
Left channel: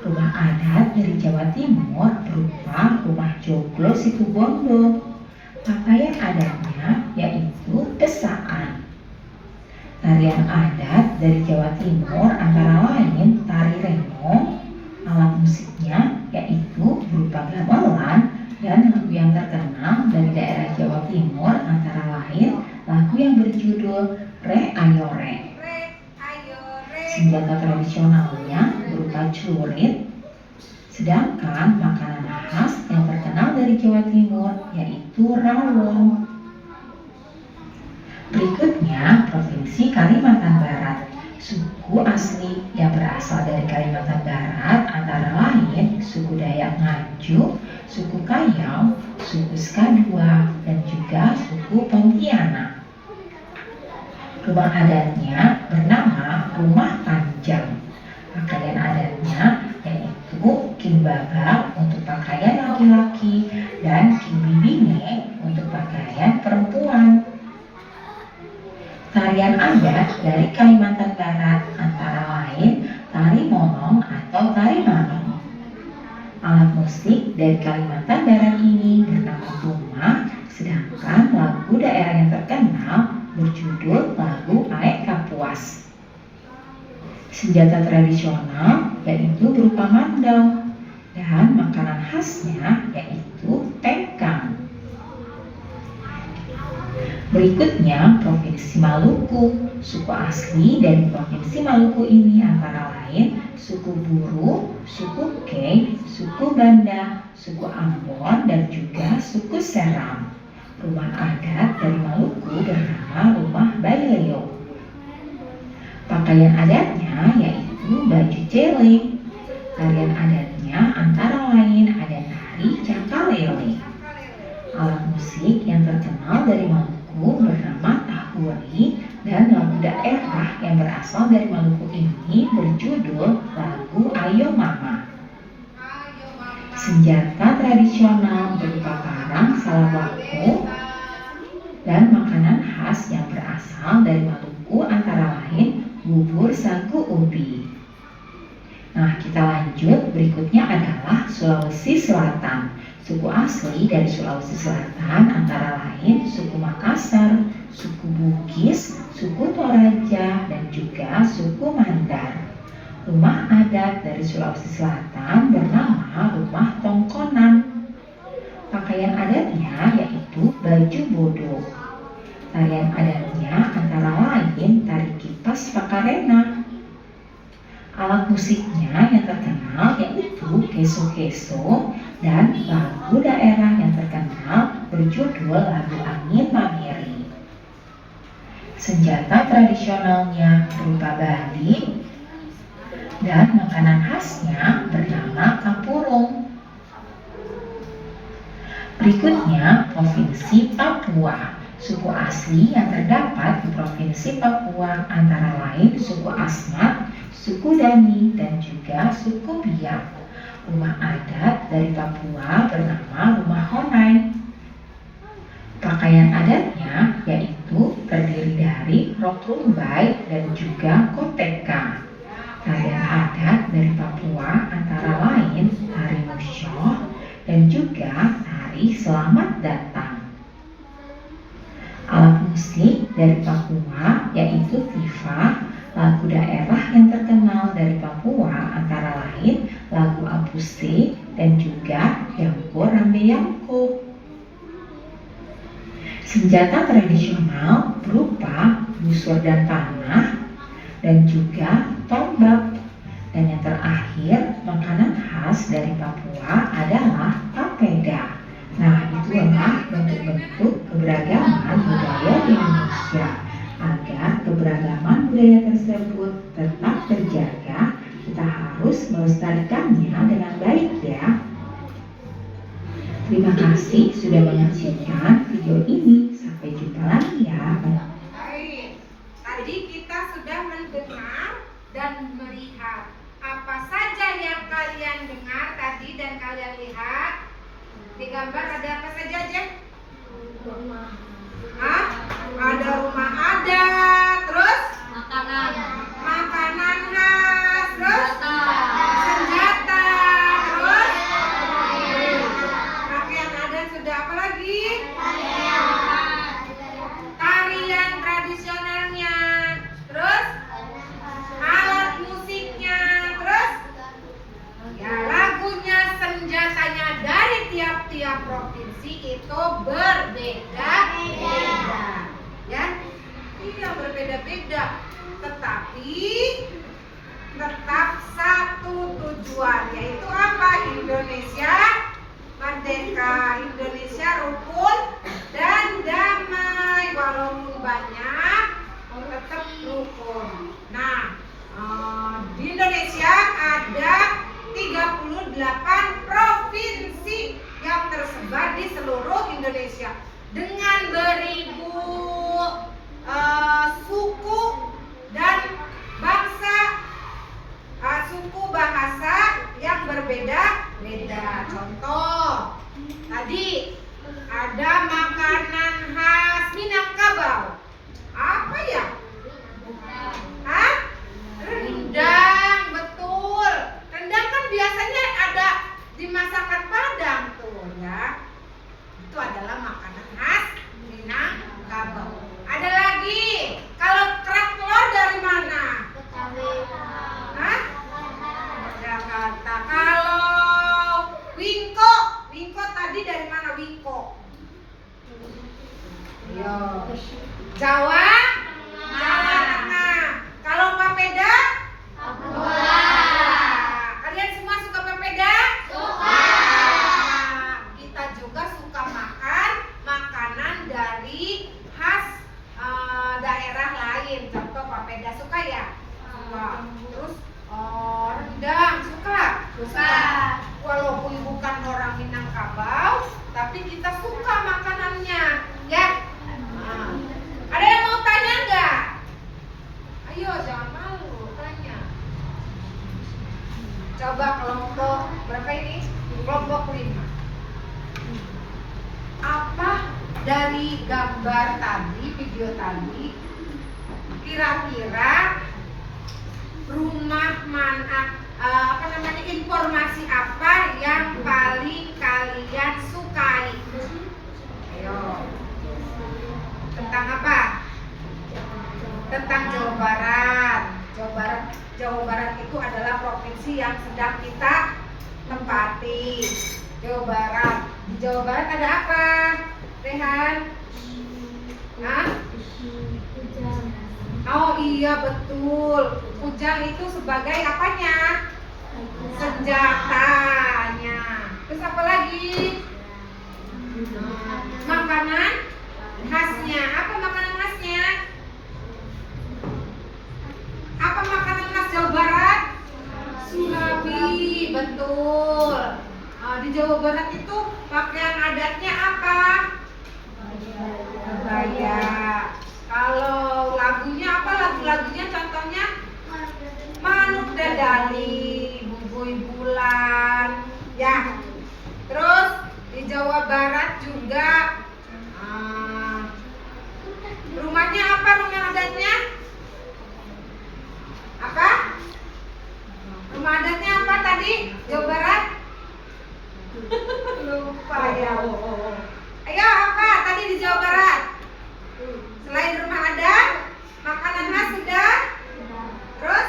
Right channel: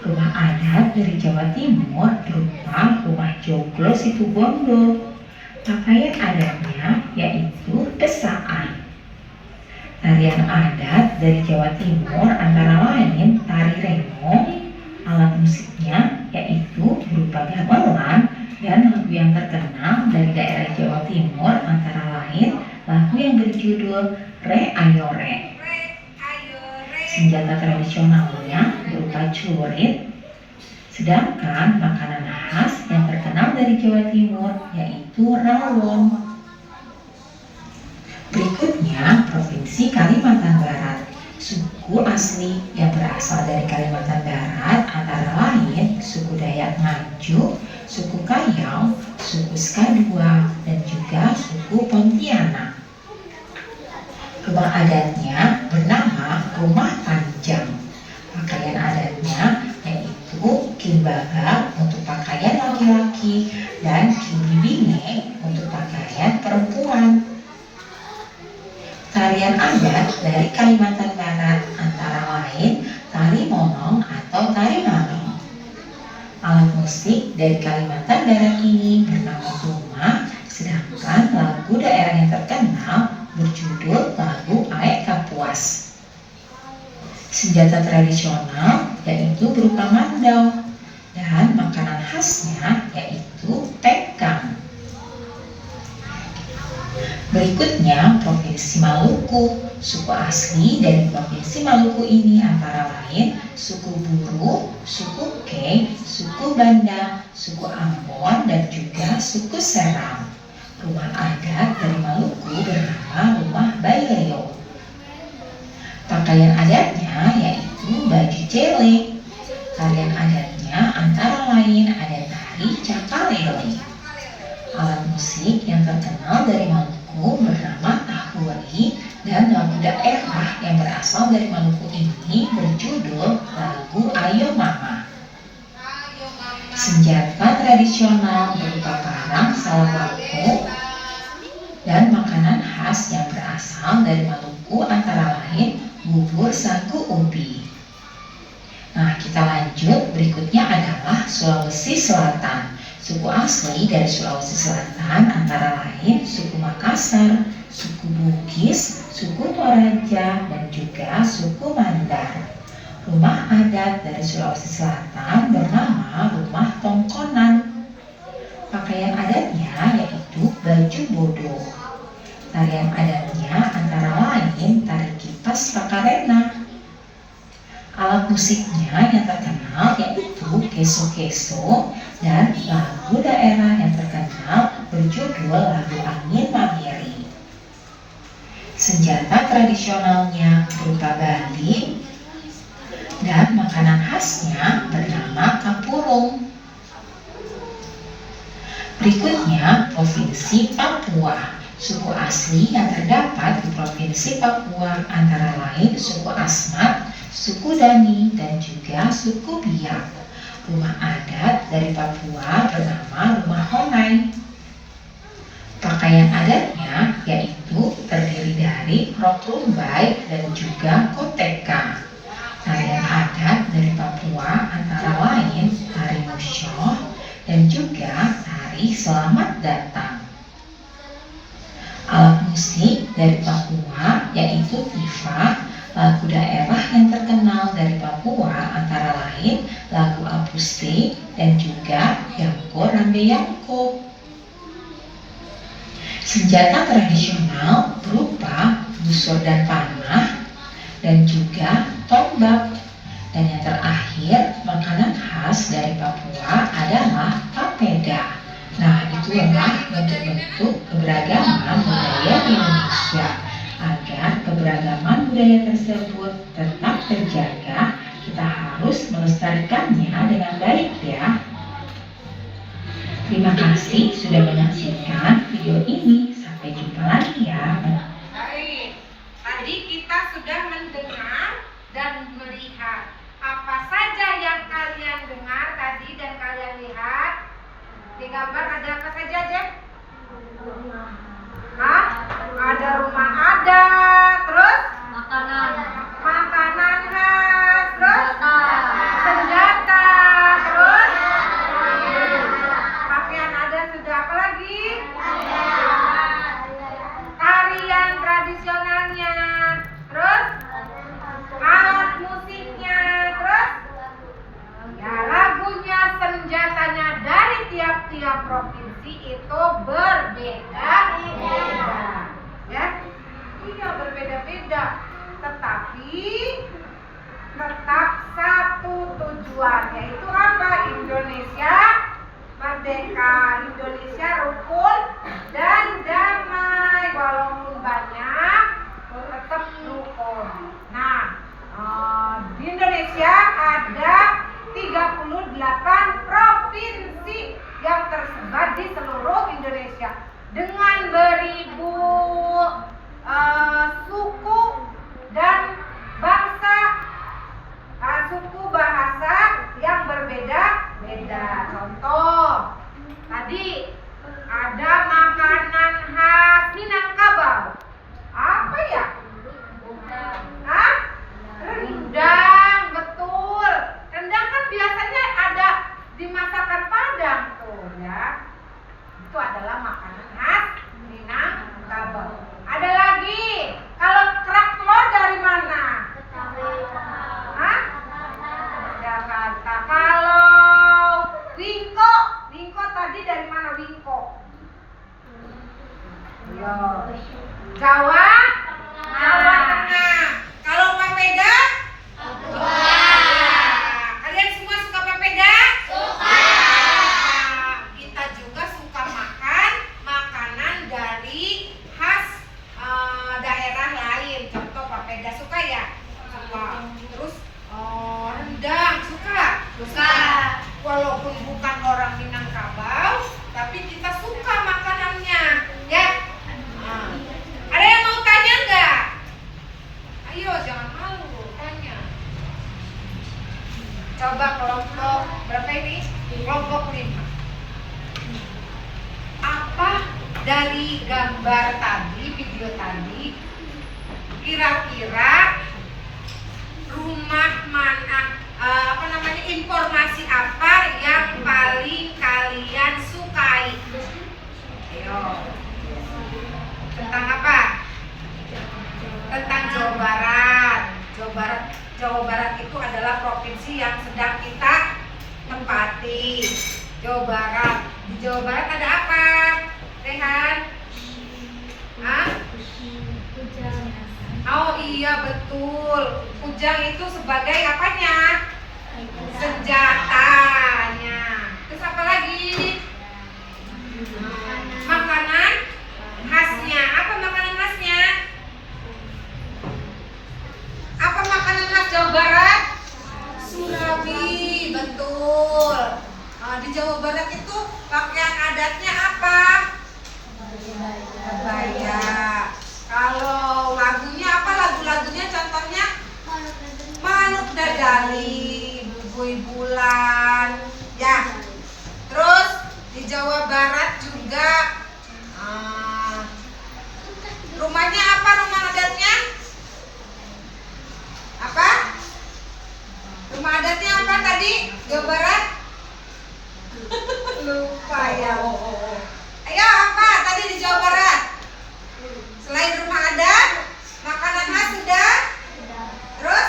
Rumah adat dari Jawa Timur berupa Rumah Joglo Situbondo. Pakaian adatnya yaitu pesaan. Tarian adat dari Jawa Timur antara lain tari remo. Alat musiknya yaitu berupa gamelan dan lagu yang terkenal dari daerah Jawa Timur berjudul Re Ayo Re. Re, ayo, re. Senjata tradisionalnya berupa celurit, sedangkan makanan khas yang terkenal dari Jawa Timur yaitu rawon. Berikutnya Provinsi Kalimantan Barat. Suku asli yang berasal dari Kalimantan Barat antara lain suku Dayak Ngaju, suku Kayau, suku Skadua, dan juga suku Pontianak. Rumah adatnya bernama Rumah Panjang. Pakaian adatnya yaitu kimbaba untuk pakaian laki-laki dan kimbibine untuk pakaian perempuan. Tarian adat dari Kalimantan Barat antara lain tari monong atau tari manong. Alat musik dari Kalimantan Barat ini bernama tumah, sedangkan lagu daerah yang terkenal berjudul lagu Aek Kapuas. Senjata tradisional yaitu berupa mandau dan makanan khasnya yaitu tengkang. Berikutnya Provinsi Maluku. Suku asli dari Provinsi Maluku ini antara lain suku Buru, suku Kei, suku Banda, suku Ambon, dan juga suku Seram. Rumah adat dari Maluku bernama Rumah Baileo. Pakaian adatnya yaitu baju celeng. Tarian adatnya antara lain ada tari cakalele. Alat musik yang terkenal dari Maluku bernama tahuri, dan lagu daerah yang berasal dari Maluku ini berjudul lagu Ayo Mama. Senjata tradisional berupa parang salawako dan makanan khas yang berasal dari Maluku antara lain bubur sagu ubi. Nah, kita lanjut. Berikutnya adalah Sulawesi Selatan. Suku asli dari Sulawesi Selatan antara lain suku Makassar, suku Bugis, suku Toraja, dan juga suku Mandar. Rumah adat dari Sulawesi Selatan bernama Rumah Tongkonan. Pakaian adatnya yaitu baju bodo. Tarian adatnya antara lain tari kipas pakarena. Alat musiknya yang terkenal yaitu keso-keso, dan lagu daerah yang terkenal berjudul lagu Angin Mamiri. Senjata tradisionalnya berupa bali dan makanan khasnya bernama kapurung. Berikutnya Provinsi Papua. Suku asli yang terdapat di Provinsi Papua antara lain suku Asmat, suku Dani, dan juga suku Biak. Rumah adat dari Papua bernama Rumah Honai. Pakaian adatnya yaitu terdiri dari rok rumbai dan juga koteka. Tarian adat dari Papua antara lain tari musyoh dan juga tari selamat datang. Alat musik dari Papua yaitu tifa. Lagu daerah yang terkenal dari Papua antara lain lagu Apuste dan juga Yangko Rambe Yangko. Senjata tradisional berupa busur dan panah dan juga tombak. Dan yang terakhir, makanan khas dari Papua adalah papeda. Nah, itulah bentuk-bentuk keberagaman budaya di Indonesia. Agar keberagaman budaya tersebut tetap terjaga, kita harus melestarikannya dengan baik ya. Terima kasih sudah menyaksikan video ini. Sampai jumpa lagi ya. Baik, tadi kita sudah mendengar dan melihat. Apa saja yang kalian dengar tadi dan kalian lihat? Di gambar ada apa saja, Jem? Hah? Ada rumah adat, terus makanan khas, terus senjata, terus pakaian adat, sudah apa lagi? Tarian tradisionalnya, terus alat musiknya, terus ya lagunya, senjatanya dari tiap-tiap provinsi itu berbeda-beda. Ya, Iya, berbeda-beda. Tetapi tetap satu tujuan, yaitu apa? Indonesia merdeka, Indonesia rukun dan damai. Walaupun banyak, tetap rukun. Nah, di Indonesia ada 38 provinsi yang tersebar di seluruh Indonesia dengan beribu suku dan bangsa, suku bahasa yang berbeda-beda. Contoh, tadi ada makanan khas Minangkabau. Apa ya? Hah? Rendang, betul. Rendang kan biasanya ada di masakan Padang tuh ya. Itu adalah makanan khas Minangkabau. Ada lagi, kalau kerak telur dari mana? Hah? Jakarta. Kalau wingko tadi dari mana wingko? Yo. Jawa Tengah. Kalau papeda? Kalian semua suka papeda? Suka. Kita juga suka makan makanan dari khas daerah lain. Contoh papeda suka ya? Suka. Terus rendang suka? Suka. Walaupun bukan orang Minangkabau, tapi kita suka makanannya, ya. Ada yang mau tanya nggak? Ayo, jangan malu, tanya. Coba kelompok berapa ini? Kelompok 5. Apa dari gambar tadi, video tadi, kira-kira rumah mana, informasi apa yang paling kalian sukai? Ayo. Tentang apa? Tentang Jawa Barat. Jawa Barat itu adalah provinsi yang sedang kita tempati. Jawa Barat. Di Jawa Barat ada apa? Rehan? Hah? Oh iya betul. Kujang itu sebagai apanya? Senjatanya. Terus apa lagi? Makanan khasnya. Apa makanan khasnya? Apa makanan khas Jawa Barat? Surabi, betul. Di Jawa Barat itu pakaian adatnya apa? Kebaya. Kalau lagunya apa? Lagu-lagunya contohnya Manuk Dadali, Bubui Bulan, ya. Terus di Jawa Barat juga rumahnya apa? Rumah adatnya apa? Rumah adatnya apa tadi? Jawa Barat? Lupa ya. Ayo apa tadi di Jawa Barat? Selain rumah adat, makanan khas sudah. Terus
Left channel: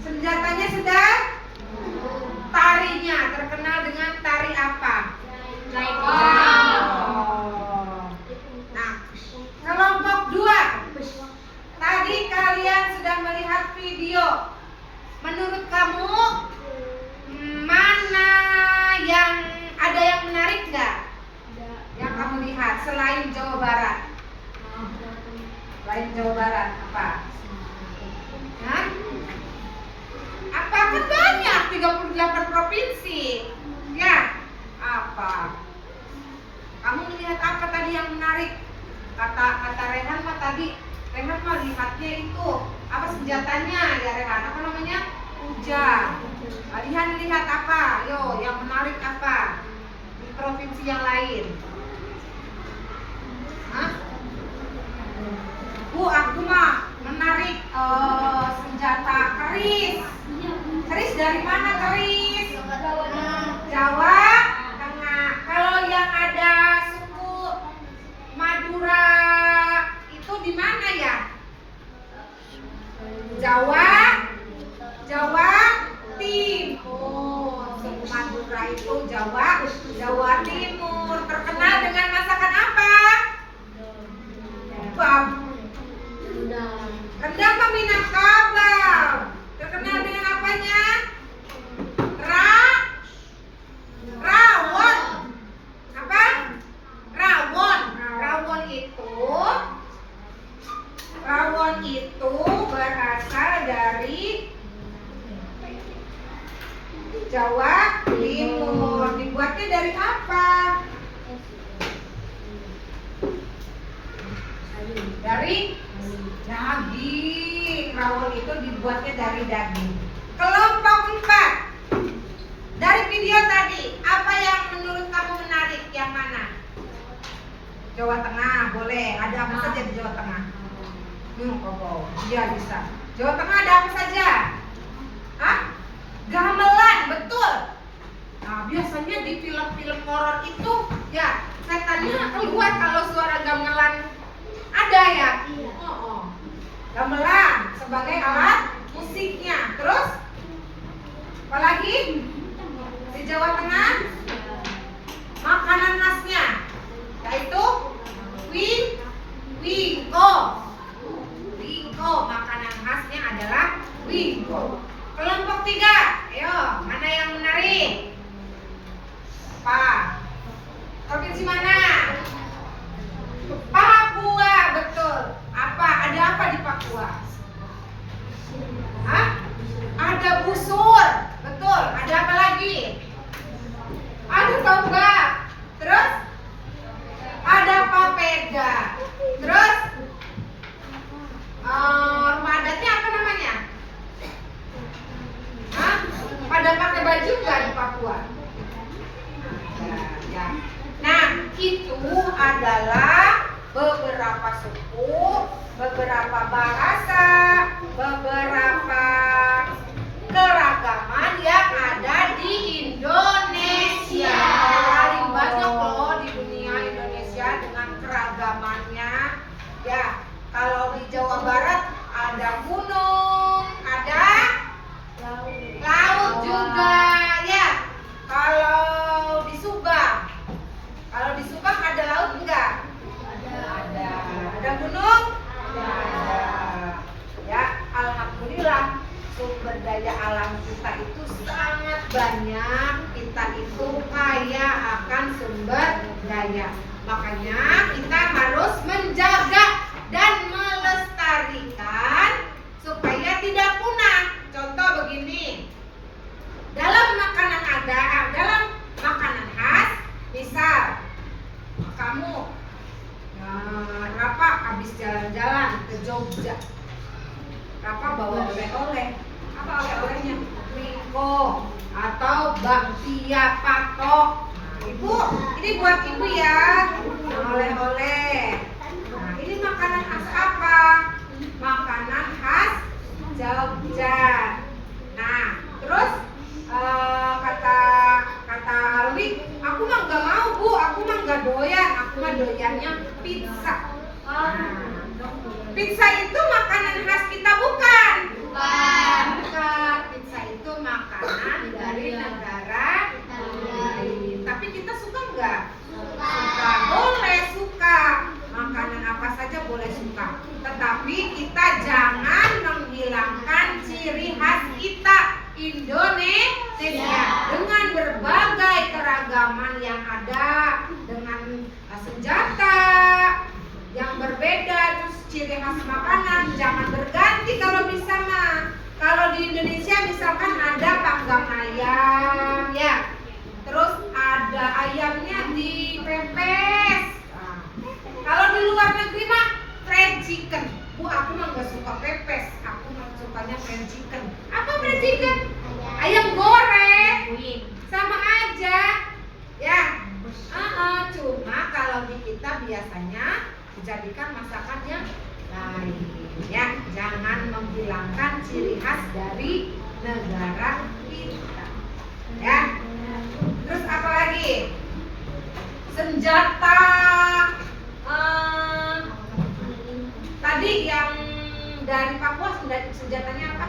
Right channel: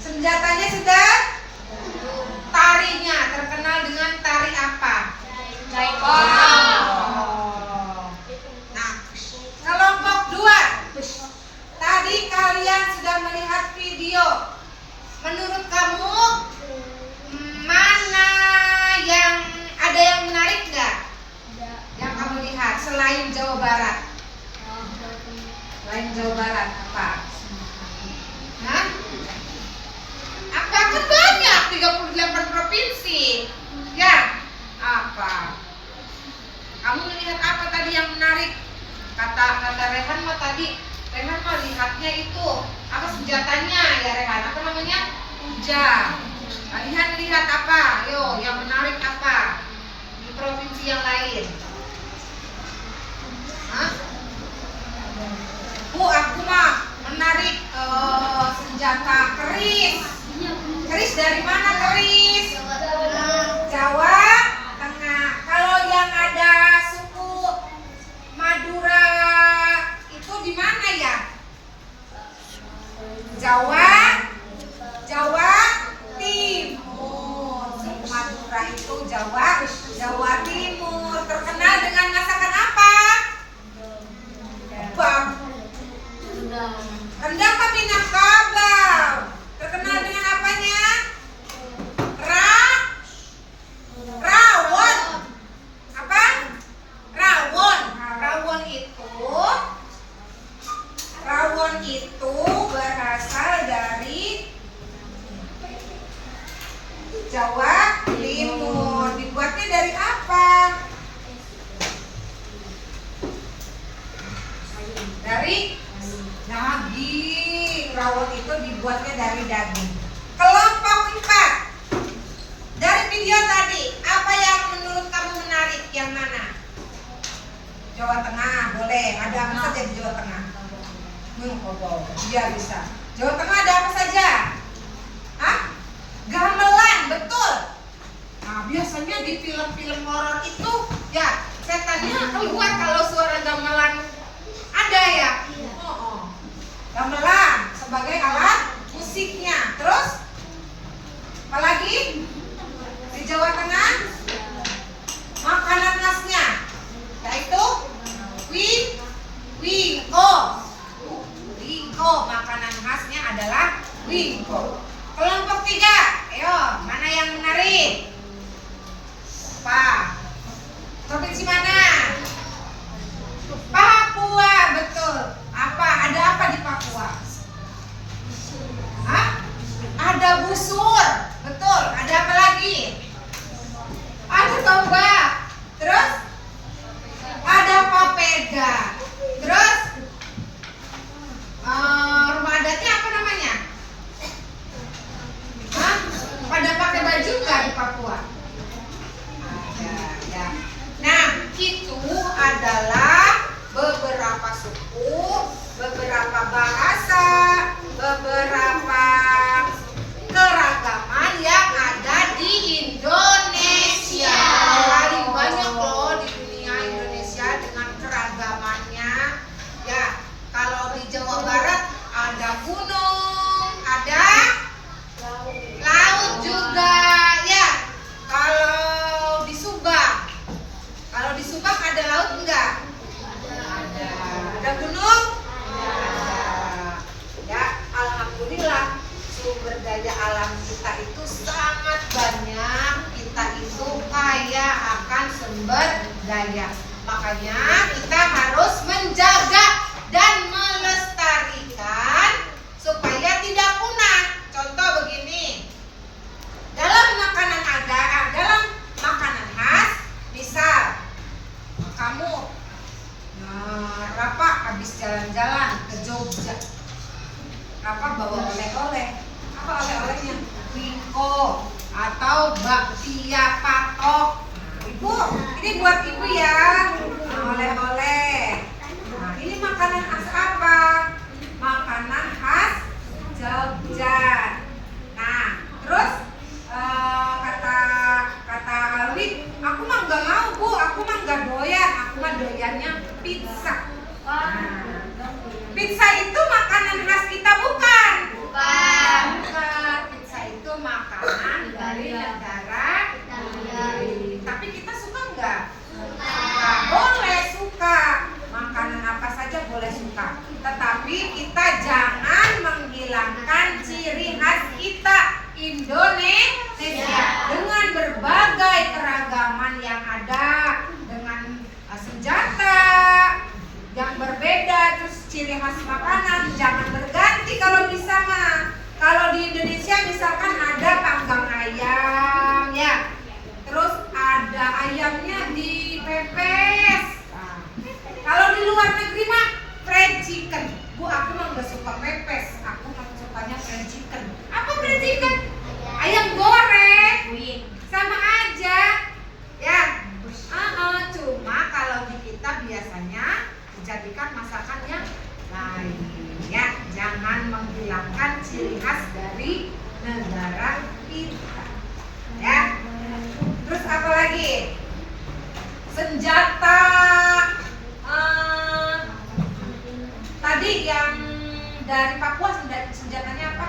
senjatanya sudah. Tarinya terkenal dengan tari apa? Nah, kelompok 2. Tadi kalian sudah melihat video. Menurut kamu mana yang ada yang menarik nggak? Yang kamu lihat selain Jawa Barat? Selain Jawa Barat apa? Hah? Apa kan banyak 38 provinsi? Ya, apa? Kamu melihat apa tadi yang menarik? Kata Rehan mah tadi, Rehan mah lihatnya itu apa senjatanya ya Rehan? Apa namanya? Kujang. Rehan lihat apa? Yo, yang menarik apa? Di provinsi yang lain. Hah? Bu, aku mah menarik senjata keris. Keris dari mana keris? Jawa Tengah. Kalau yang ada suku Madura itu di mana ya? Jawa Timur. Suku Madura itu Jawa Timur. Terkenal dengan masakan apa? dibuatnya dari daging. Kelompok 4. Dari video tadi, apa yang menurut kamu menarik? Yang mana? Jawa Tengah, boleh. Ada apa saja di Jawa Tengah? Iya bisa. Jawa Tengah ada apa saja? Hah? Gamelan, betul. Nah, biasanya di film-film horor itu ya setannya keluar kalau suara gamelan ada ya. Gamelan sebagai alat musiknya. Terus apalagi di Jawa Tengah makanan khasnya yaitu wingko. Wingko, makanan khasnya adalah wingko. Kelompok 3, ayo mana yang menarik? Apa? Provinsi mana? Papua, betul. Apa? Ada apa di Papua? Hah? Ada busur, betul. Ada apa lagi? Ada tombak. Terus? Ada papeda. Terus? Rumah adatnya apa namanya? Hah? Pada pakai baju nggak di Papua? Ya. Nah, itu adalah beberapa suku, beberapa bahasa, beberapa keragaman yang ada di Indonesia. Paling banyak loh di dunia Indonesia dengan keragamannya. Ya, kalau di Jawa Barat ada gunung, ada laut juga, ya. Kalau di Subang ada laut enggak? Ada. Ada gunung? Ada. Ya, alhamdulillah sumber daya alam kita itu sangat banyak. Kita itu kaya akan sumber daya. Makanya kita harus menjaga dan melestarikan supaya tidak punah. Contoh begini, dalam makanan khas, misal kamu Rafa habis jalan-jalan ke Jogja, Rafa bawa oleh-oleh. Apa oleh-olehnya? Wingko atau bakpia patok. Ibu, ini buat ibu ya, oleh-oleh. Nah, ini makanan khas apa? Makanan khas Jogja. Nah, terus kata Alwi, aku mah nggak mau bu, aku mah nggak doyan, aku mah doyannya pizza. Nah, pizza itu makanan khas kita bukan? Bukan. Pizza itu makanan dari negara lain. Tapi kita suka nggak? Suka. Boleh suka. Makanan apa saja boleh suka. Tetapi kita jangan menghilangkan ciri khas kita Indonesia dengan berbagai keragaman yang ada, dengan senjata yang berbeda, terus ciri khas makanan jangan berganti kalau bisa mah. Kalau di Indonesia misalkan ada panggang ayam ya, terus ada ayamnya dipepes. Kalau di luar negeri mah fried chicken. Bu, aku mah nggak suka pepes, aku mah sukanya fried chicken. Apa fried chicken? Ayam goreng. Sama aja. Ya. Cuma kalau di kita biasanya dijadikan masakannya lain. Ya, jangan menghilangkan ciri khas dari negara kita. Ya. Terus apa lagi? Senjata. Tadi yang dari Papua senjatanya apa?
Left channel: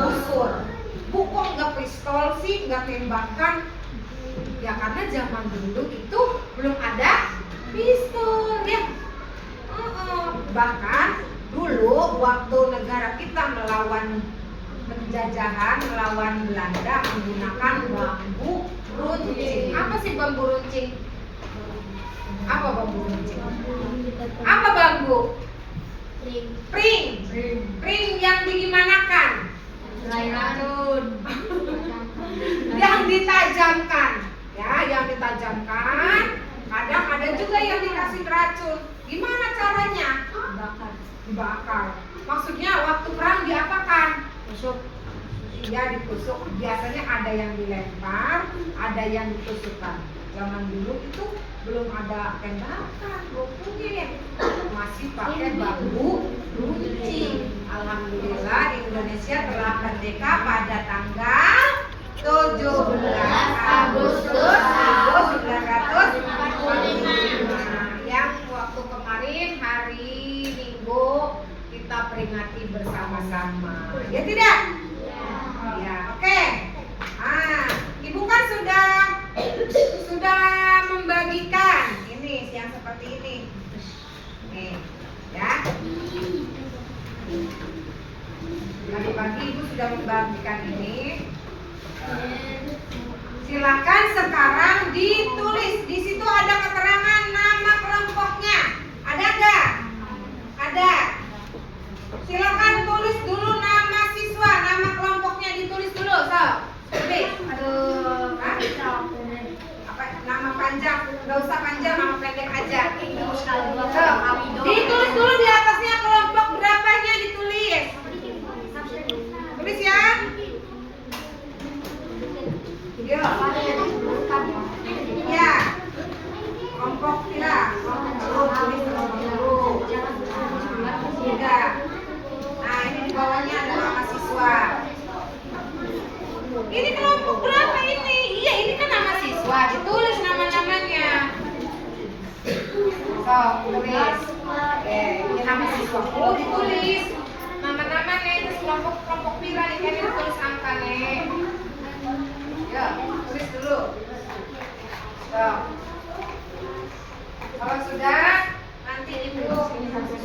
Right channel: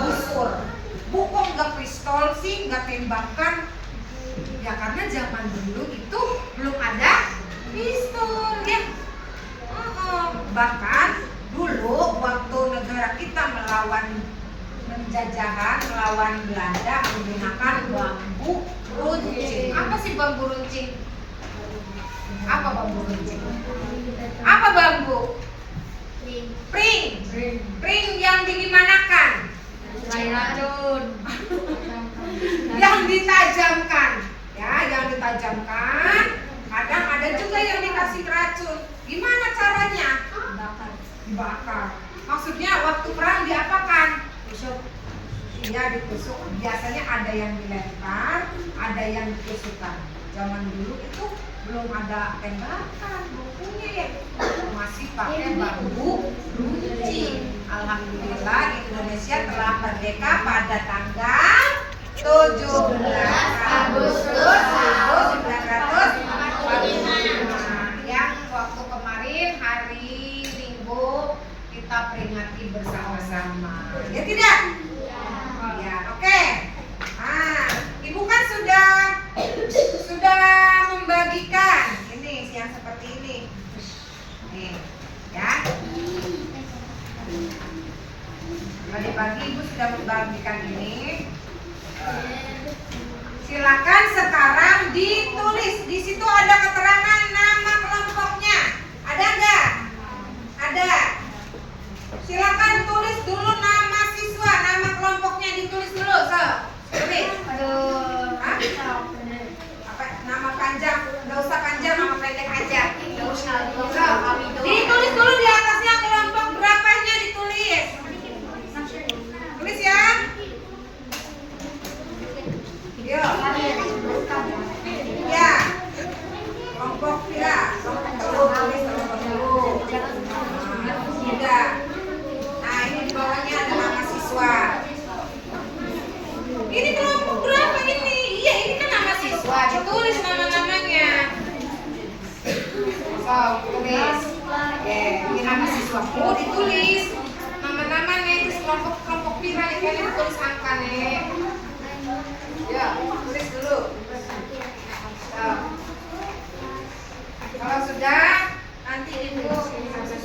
Busur. Bu, kok nggak pistol sih, nggak tembakan? Ya karena zaman dulu itu belum ada pistol ya. Bahkan dulu waktu negara kita melawan penjajahan, melawan Belanda menggunakan bambu runcing. Apa sih bambu runcing? Apa bambu runcing? Apa bambu? Pring yang digimanakan? Racun. Yang ditajamkan, ya, yang ditajamkan. Kadang ada juga yang dikasih racun. Gimana caranya? Dibakar. Maksudnya waktu perang diapakan? Tusuk. Ya ditusuk. Biasanya ada yang dilempar, ada yang ditusukkan. Zaman dulu itu belum ada tembakan, bukunya masih pakai bambu runcing. Alhamdulillah Indonesia telah merdeka pada tanggal 17 Agustus 1945. Yang waktu kemarin hari Minggu kita peringati bersama-sama. Ya tidak? Ya, oke. Nah, Ibu kan sudah membagikan ini yang seperti ini. Nih, ya. Tadi pagi Ibu sudah membagikan ini. Silakan sekarang ditulis. Di situ ada keterangan nama kelompoknya. Ada enggak? Ada. Silakan tulis dulu nama siswa, nama kelompoknya ditulis dulu, so. Tulis. Hah? Apa nama panjang? Enggak usah panjang, nama pendek aja. So, ditulis dulu di atasnya kelompok berapanya ditulis. Tulis ya. Yuk. Ya. Kelompok ya. Kelompok dulu, tulis kelompok dulu. Tiga. Nah, ini di bawahnya ada nama siswa. Ini kelompok berapa ini? Iya, ini kan nama siswa. Ditulis nama-namanya. So, tulis. Ini nama siswaku ditulis. Nama-namanya terus kelompok pira nih kan ditulis angka nih. Ya, tulis dulu. So. Kalau sudah, nanti Ibu ini sampai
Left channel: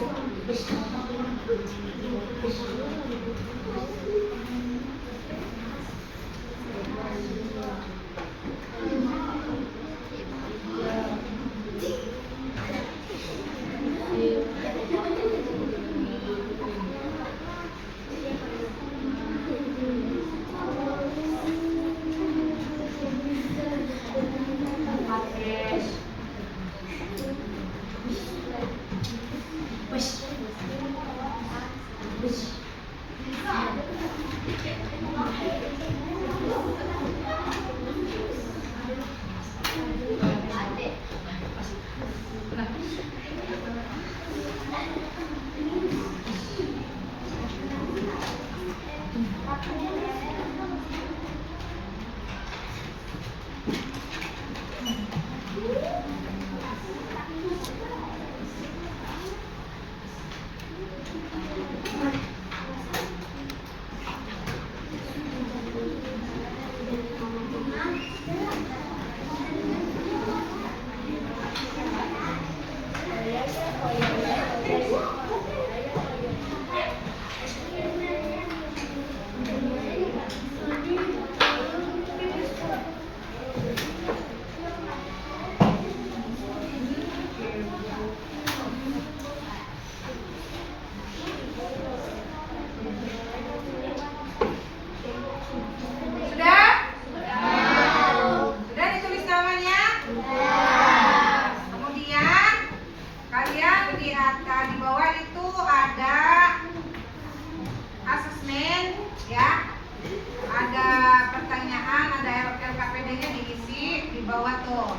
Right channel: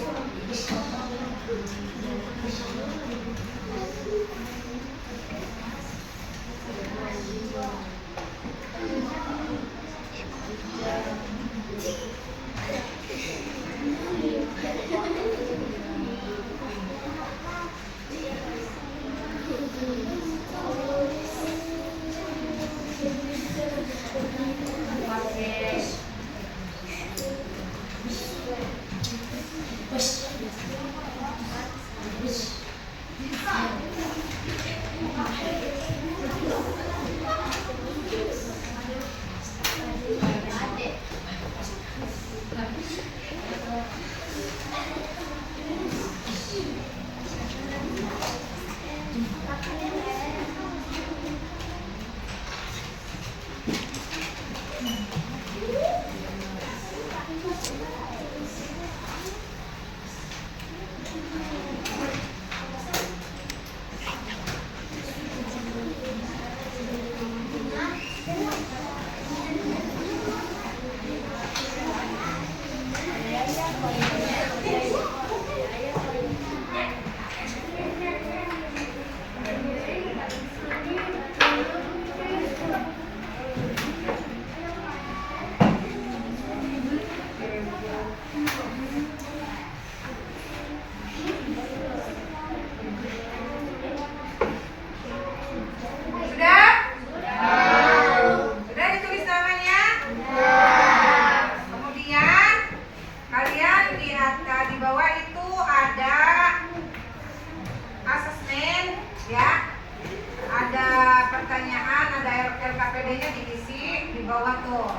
LKPD-nya diisi di bawah tuh.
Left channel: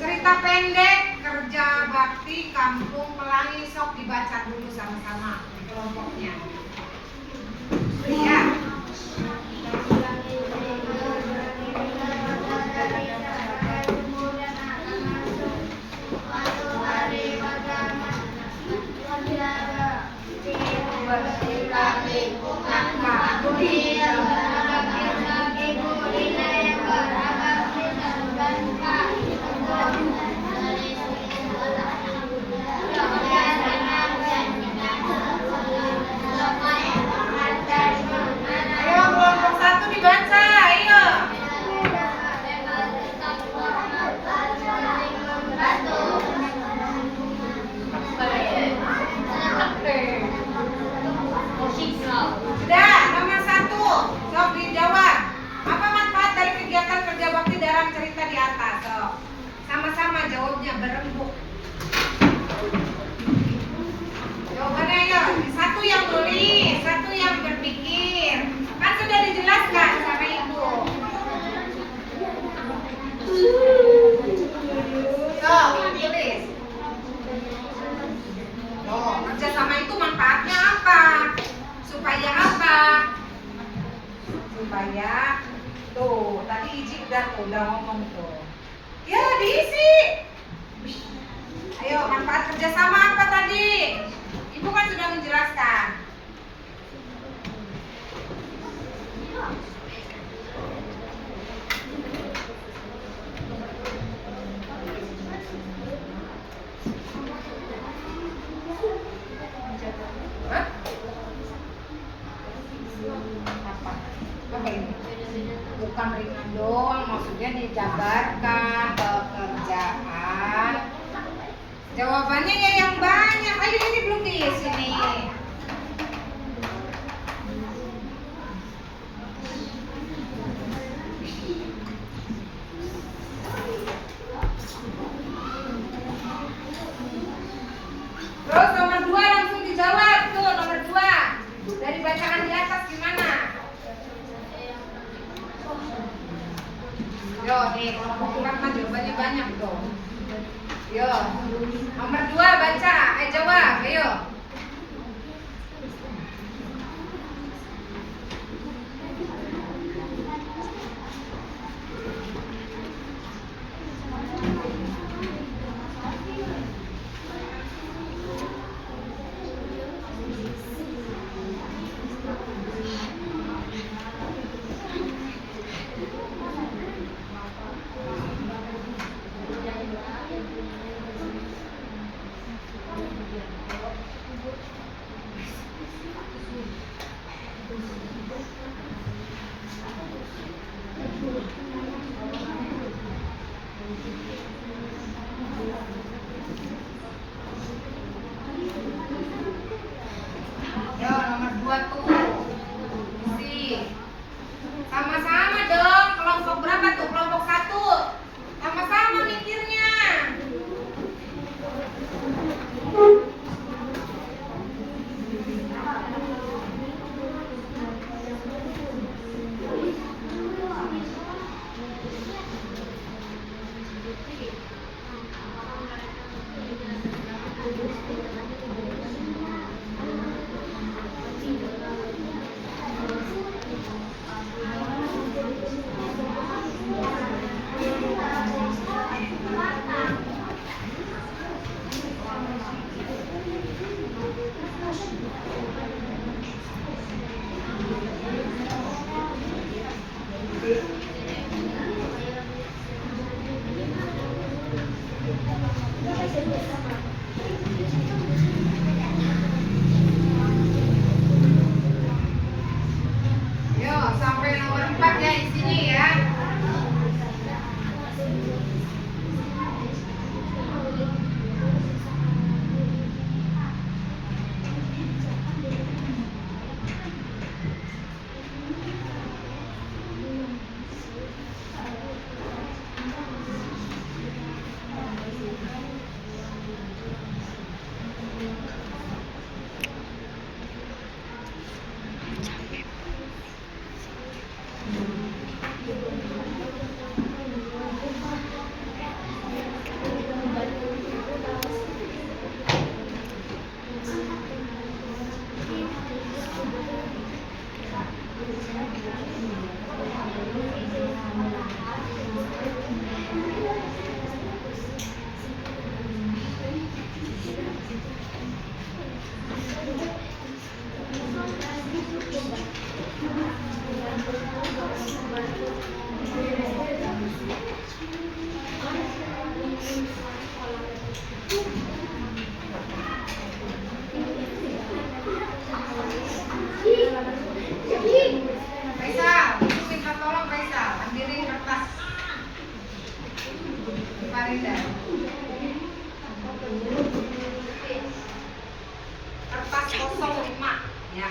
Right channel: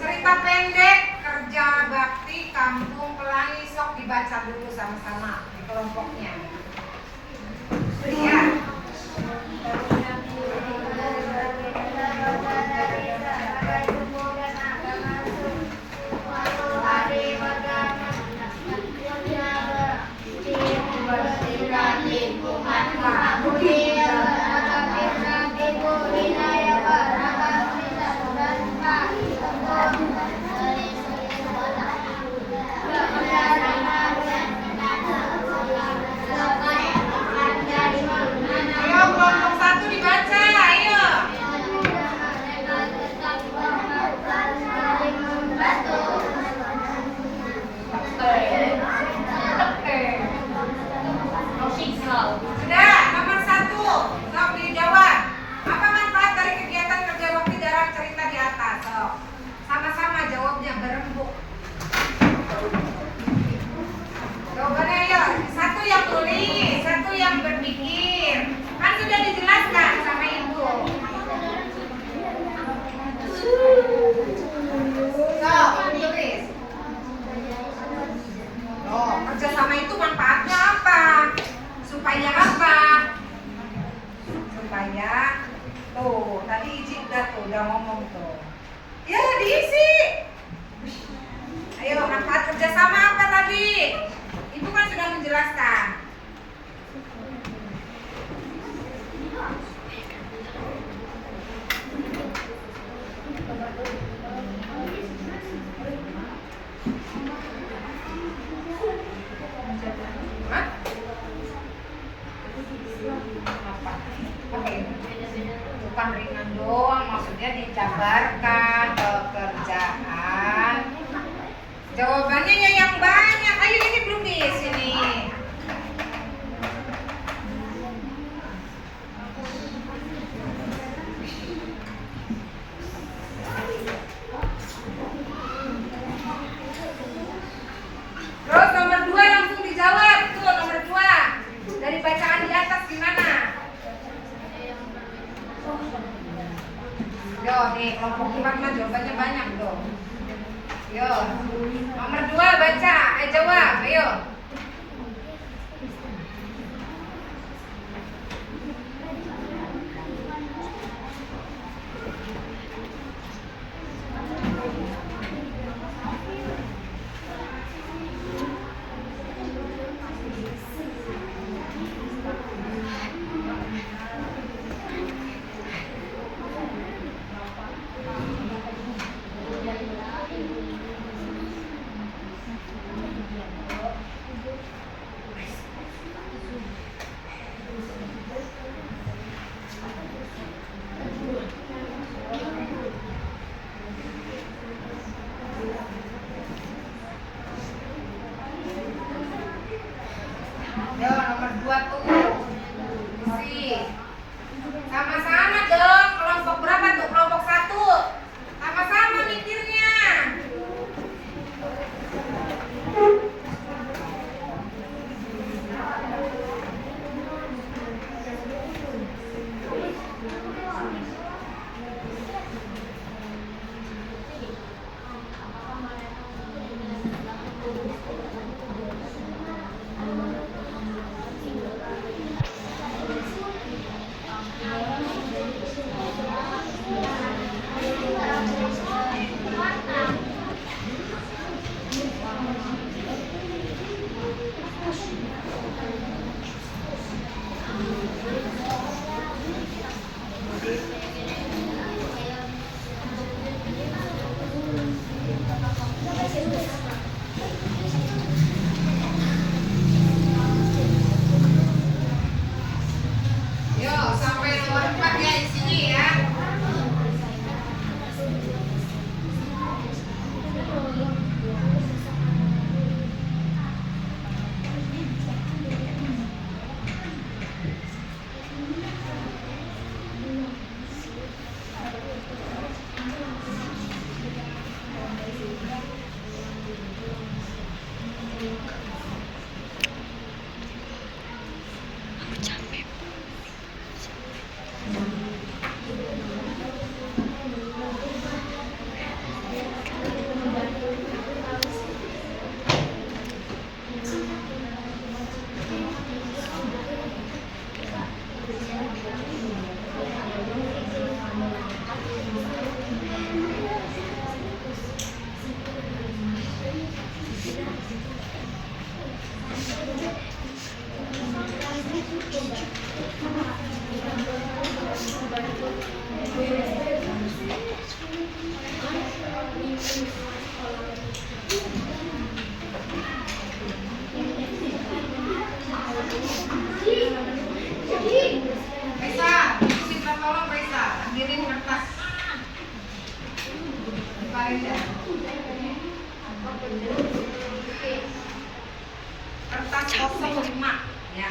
Cerita pendek kerja bakti Kampung Pelangi, sok dibaca dulu sama-sama di kelompoknya. Ya. Sudah, nomor 1, sok dijawab. Apa manfaat dari kegiatan kerja bakti dalam cerita di atas? Sok, sama-sama jawabnya berembuk. Jawabannya ayo. tuh, udah ngomong tuh. Ya diisi. Ayo, manfaat kerjasama apa tadi? Ibu kan sudah menjelaskan. Hah? Apa ini? Bukan ringan doang, maksudnya dijabarkan pekerjaan. Jawabannya ya yang banyak. Ayo, ini belum diisi nih. Terus nomor 2 langsung dijawab tuh, nomor 2. Dari bacaan di atas gimana? Yo, nih kelompok kurang mah jawabannya banyak tuh. Yo, nomor 2 baca, jawab, ayo. Yo, nomor 2 tuh. Isi. Sama-sama dong. Kelompok berapa tuh? Kelompok 1. Sama-sama mikirnya. Yo, sampai nomor 4 ya di sini ya. Reza, minta tolong Reza, ambilin kertas. Farida. Kertas 05 ya.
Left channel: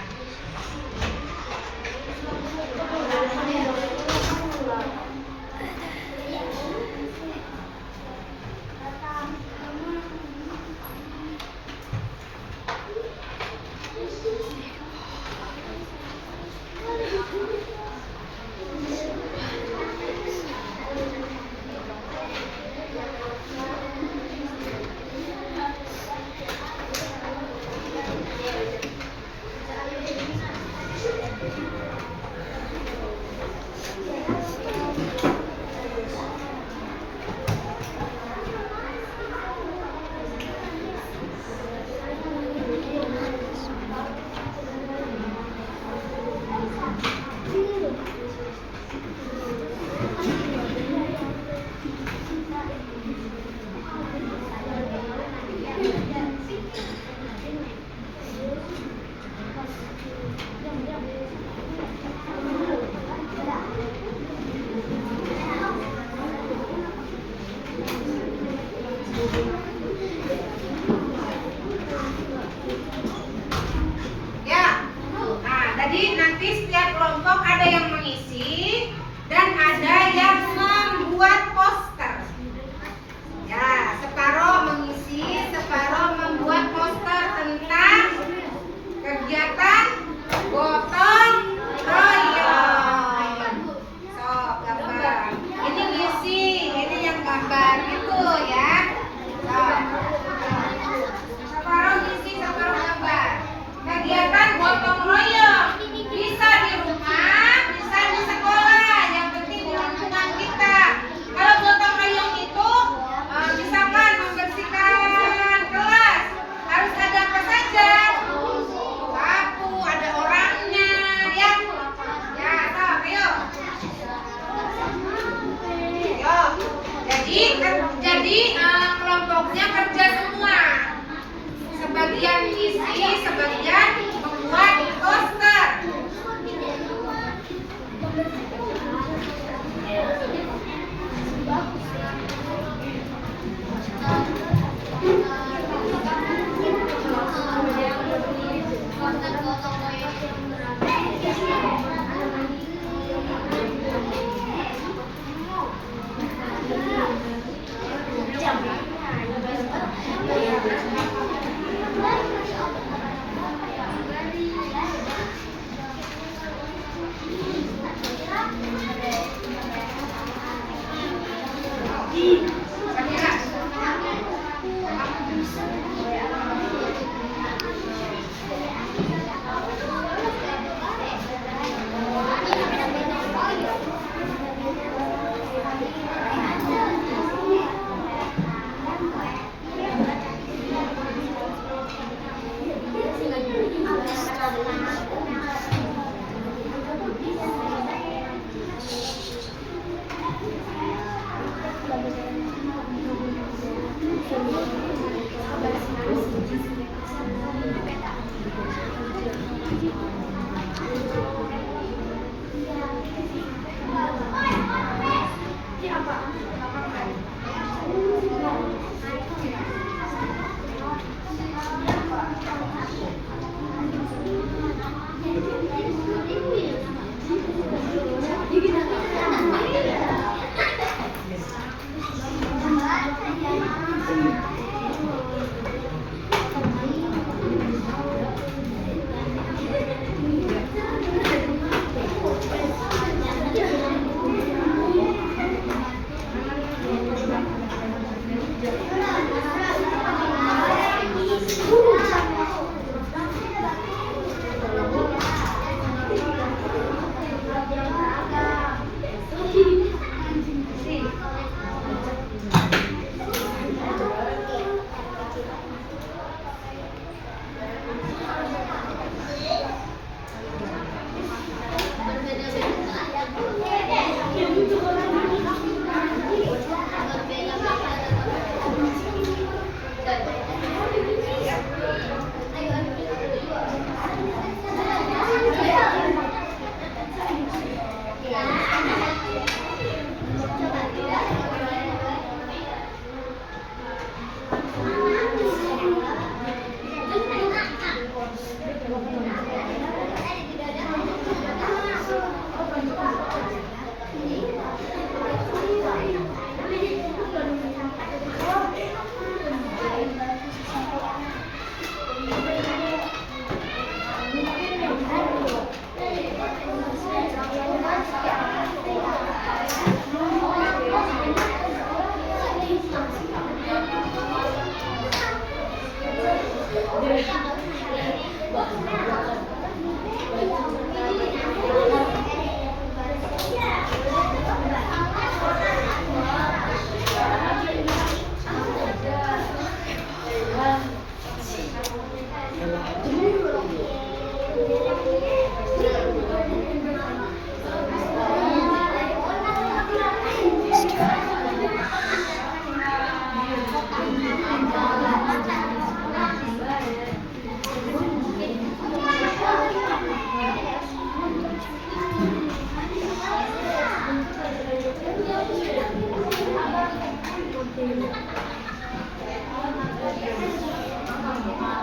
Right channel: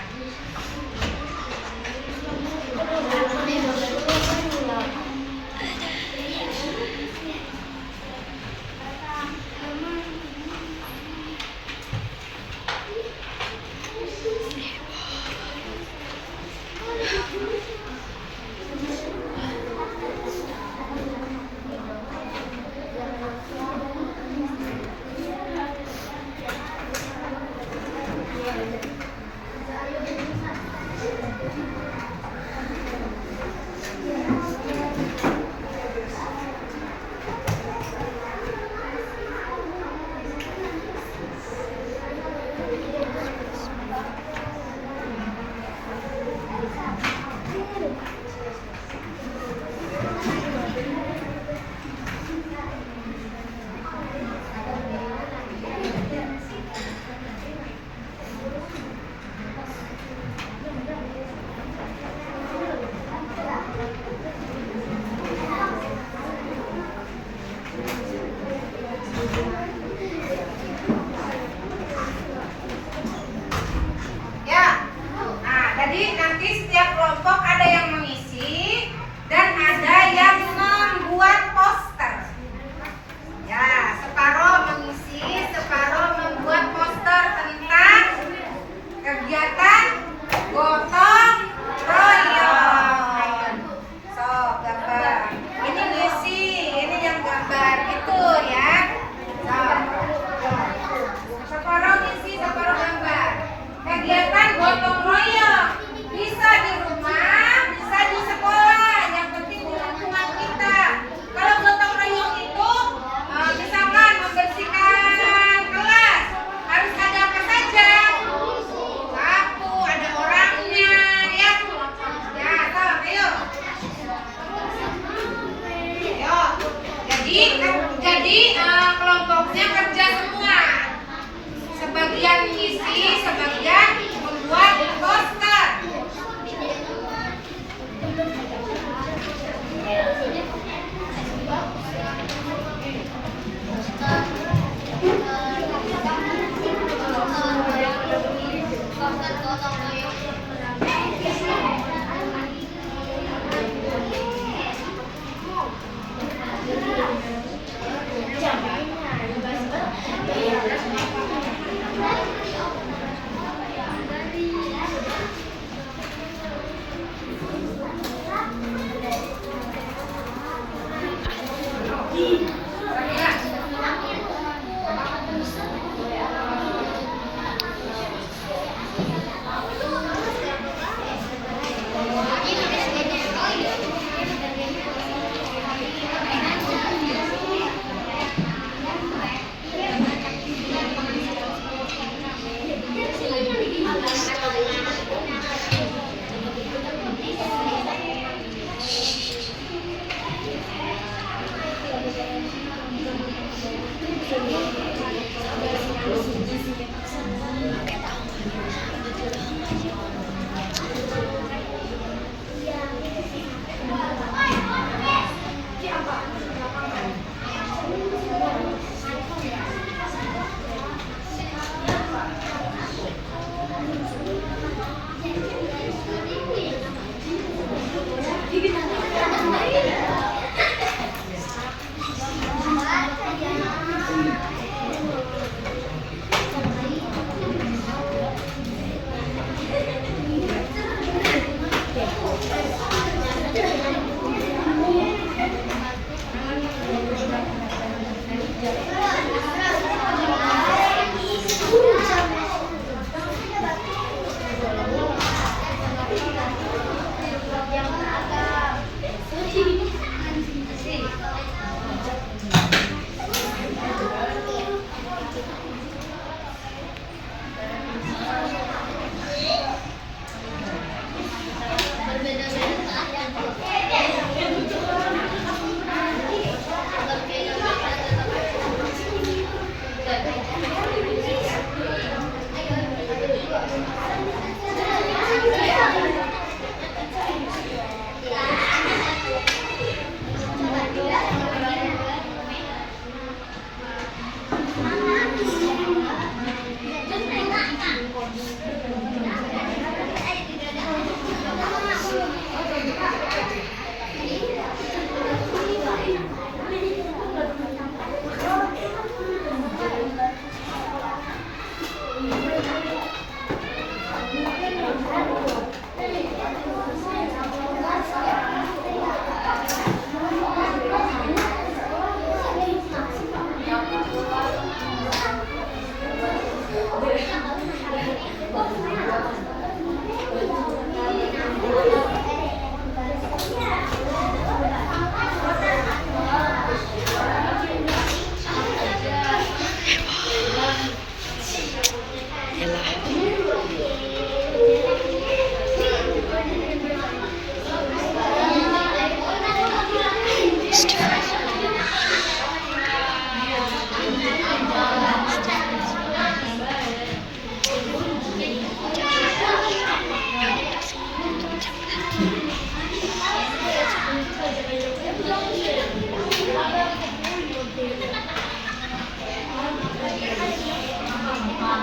Ya. Nah, jadi nanti setiap kelompok ada yang mengisi dan ada yang membuat poster. Ya, separuh mengisi, separuh membuat poster tentang kegiatan gotong royong. So, gambar. Ini ngisi, ini yang gambar gitu ya. So, separuh ngisi, separuh gambar. Kegiatan gotong royong bisa di rumah, bisa di sekolah. Yang penting di lingkungan kita. Kalau gotong royong itu misalkan membersihkan kelas, harus ada apa saja? Sapu, ada orangnya, ya. Ya, toh, ayo. Ayo. Jadi kelompoknya kerja semua. Sebagian ngisi, sebagian membuat poster.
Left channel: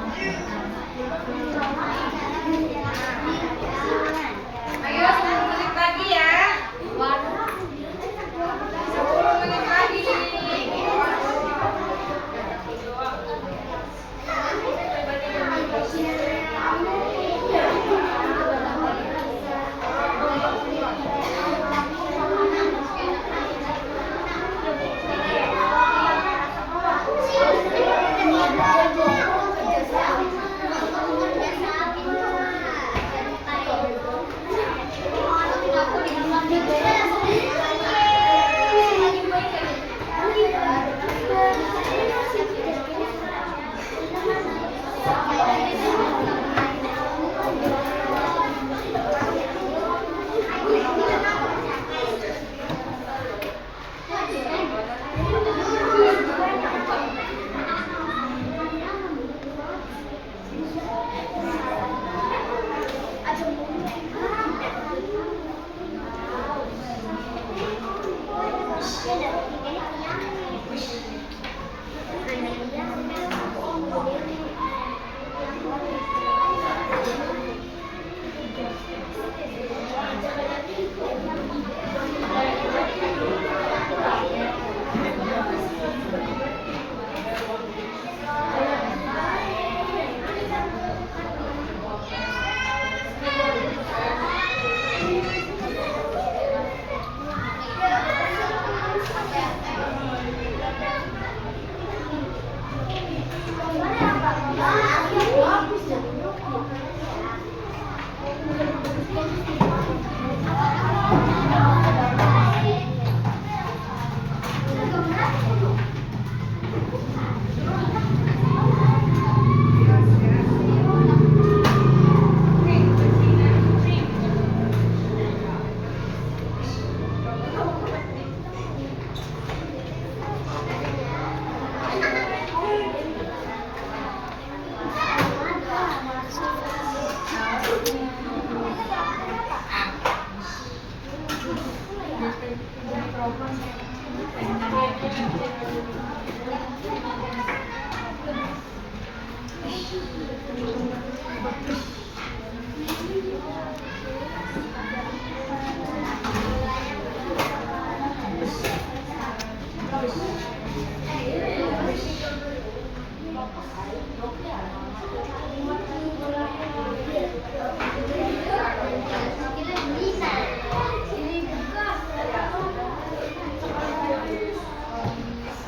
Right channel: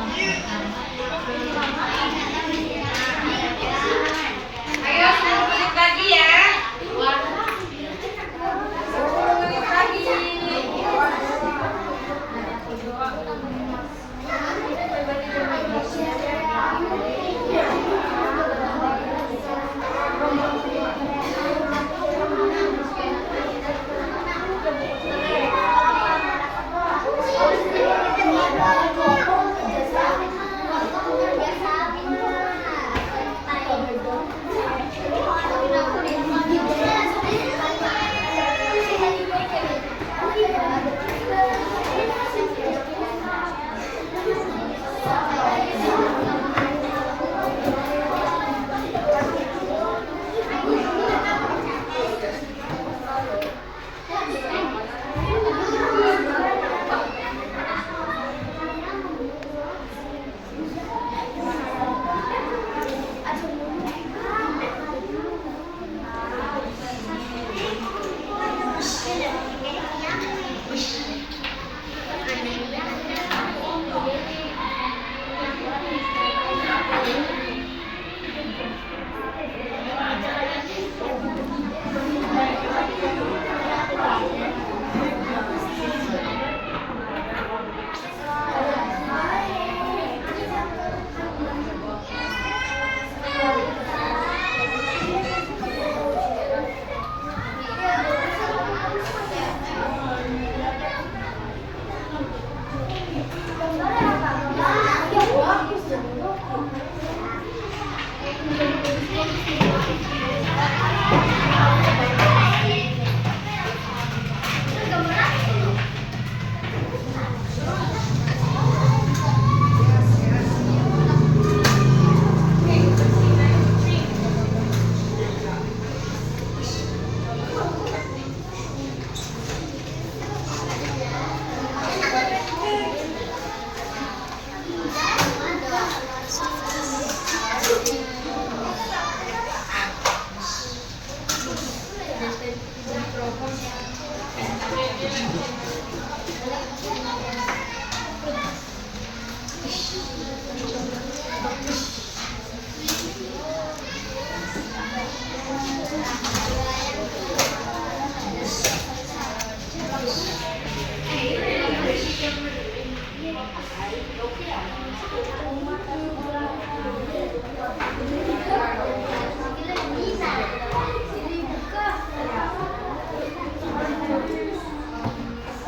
Ayo 10 menit lagi ya. 10 menit lagi.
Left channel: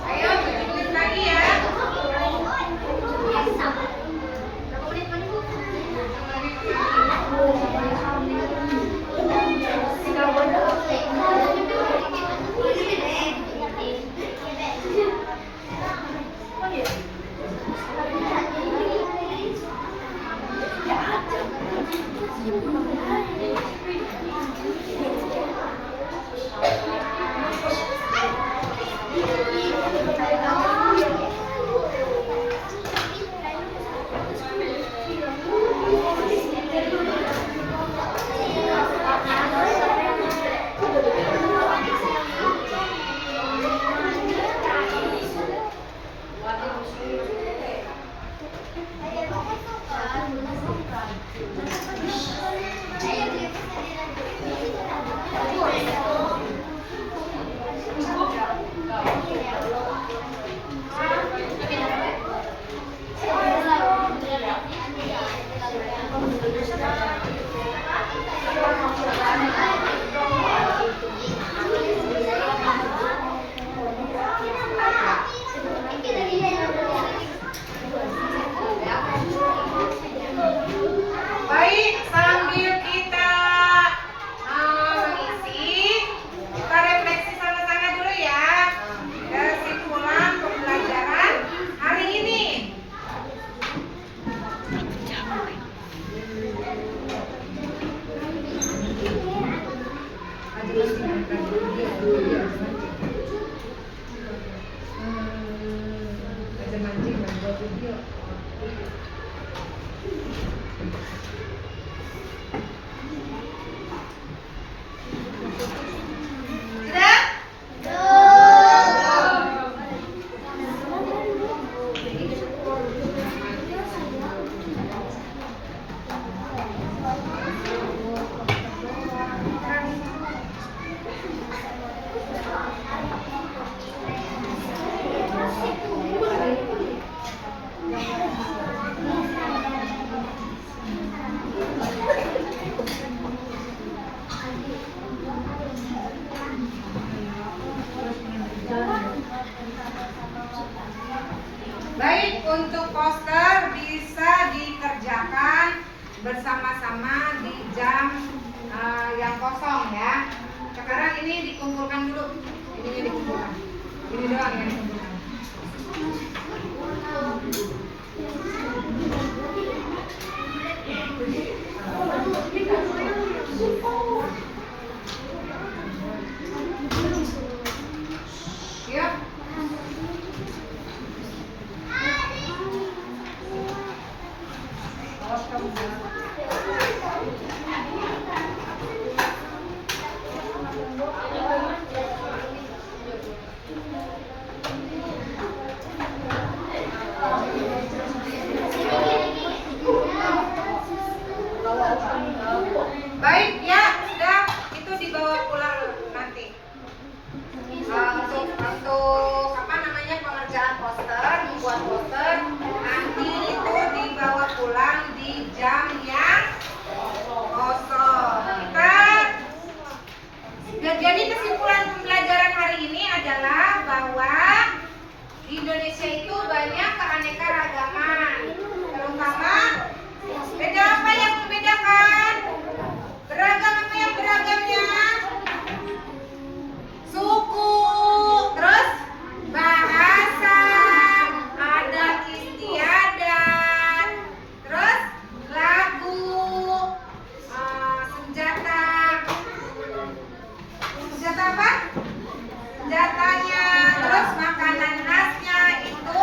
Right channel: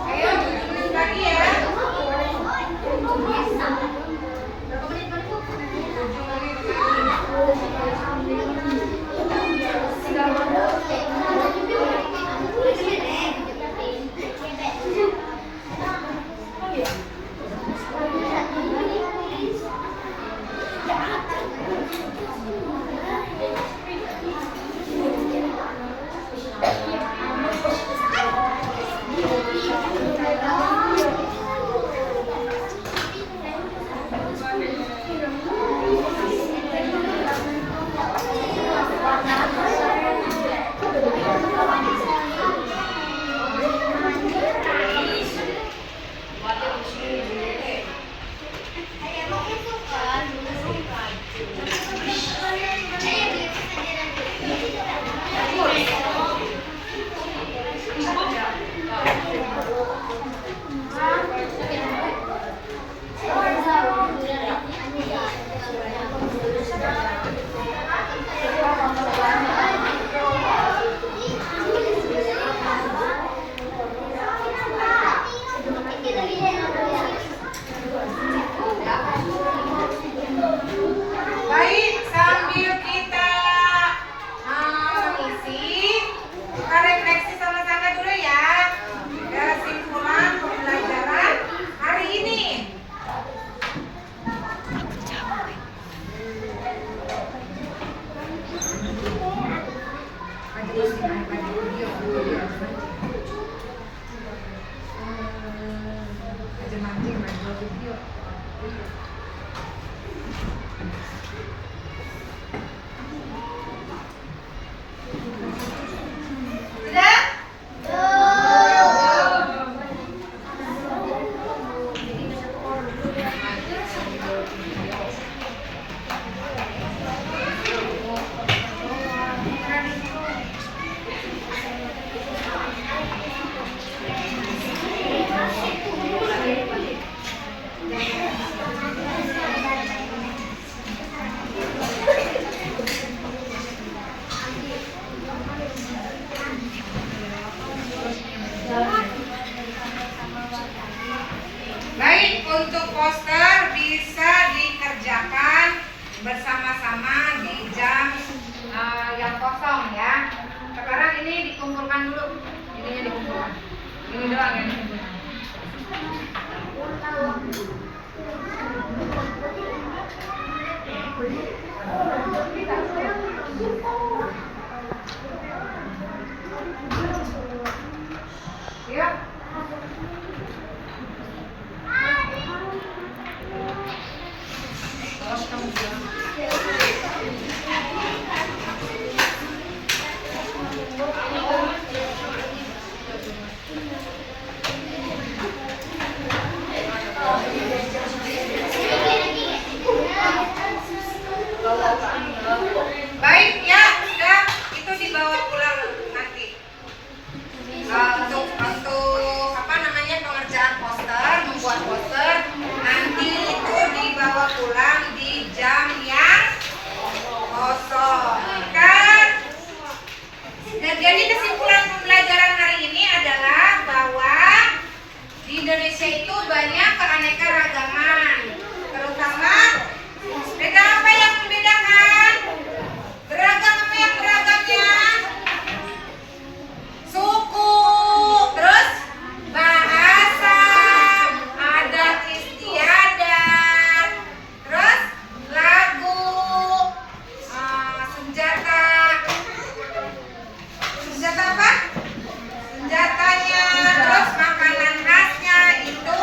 Ayo 7 menit lagi ya. Baik, sambil kita mengisi, kita refleksi sama-sama dulu ya. Kesimpulan pembelajaran hari ini. Sudah? Untuk poster bisa dikerjakan bersama-sama di jam yang kosong ya. Sekarang ini dikumpulkan dulu. Ininya dikumpulkan. Ini doang yang dikumpulkan. Yuk. Baik ya, sudah itu dibawa pulang nanti. Untuk apa namanya pengerjaan poster, membuat poster nanti itu dibawa pulang di jam yang kosong. Kan? Nah, jadi kesimpulan pembelajaran hari ini adalah bahwa di Indonesia itu banyak keanekaragaman, terutama beda apa yang membedakan? Beragam apa yang beragamnya? Suku, terus bahasa, adat istiadat, terus lagu, senjata apa? Senjatanya, terus makanan khasnya itu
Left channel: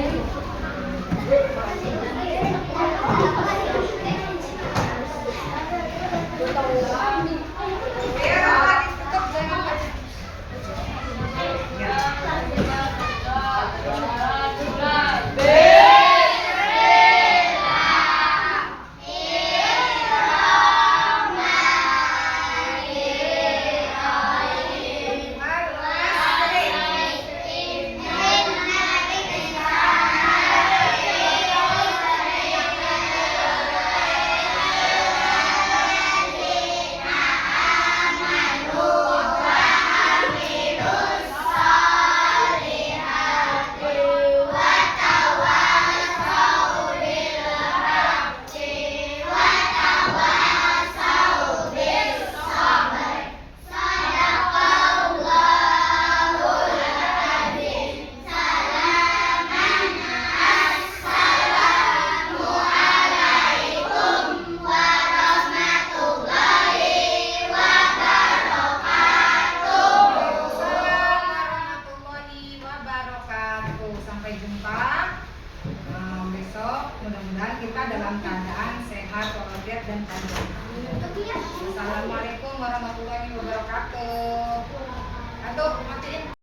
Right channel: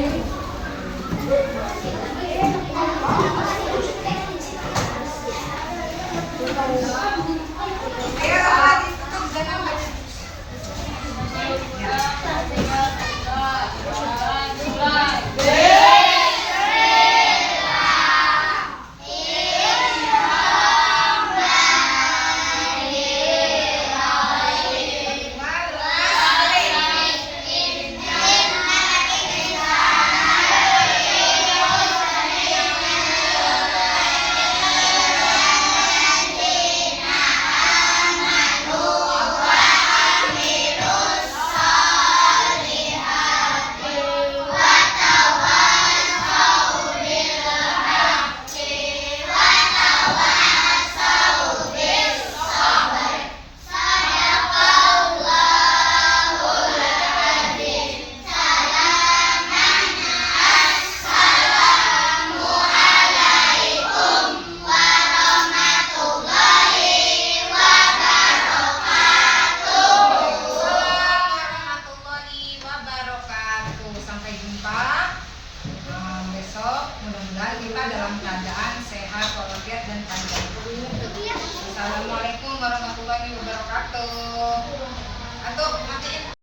Jadi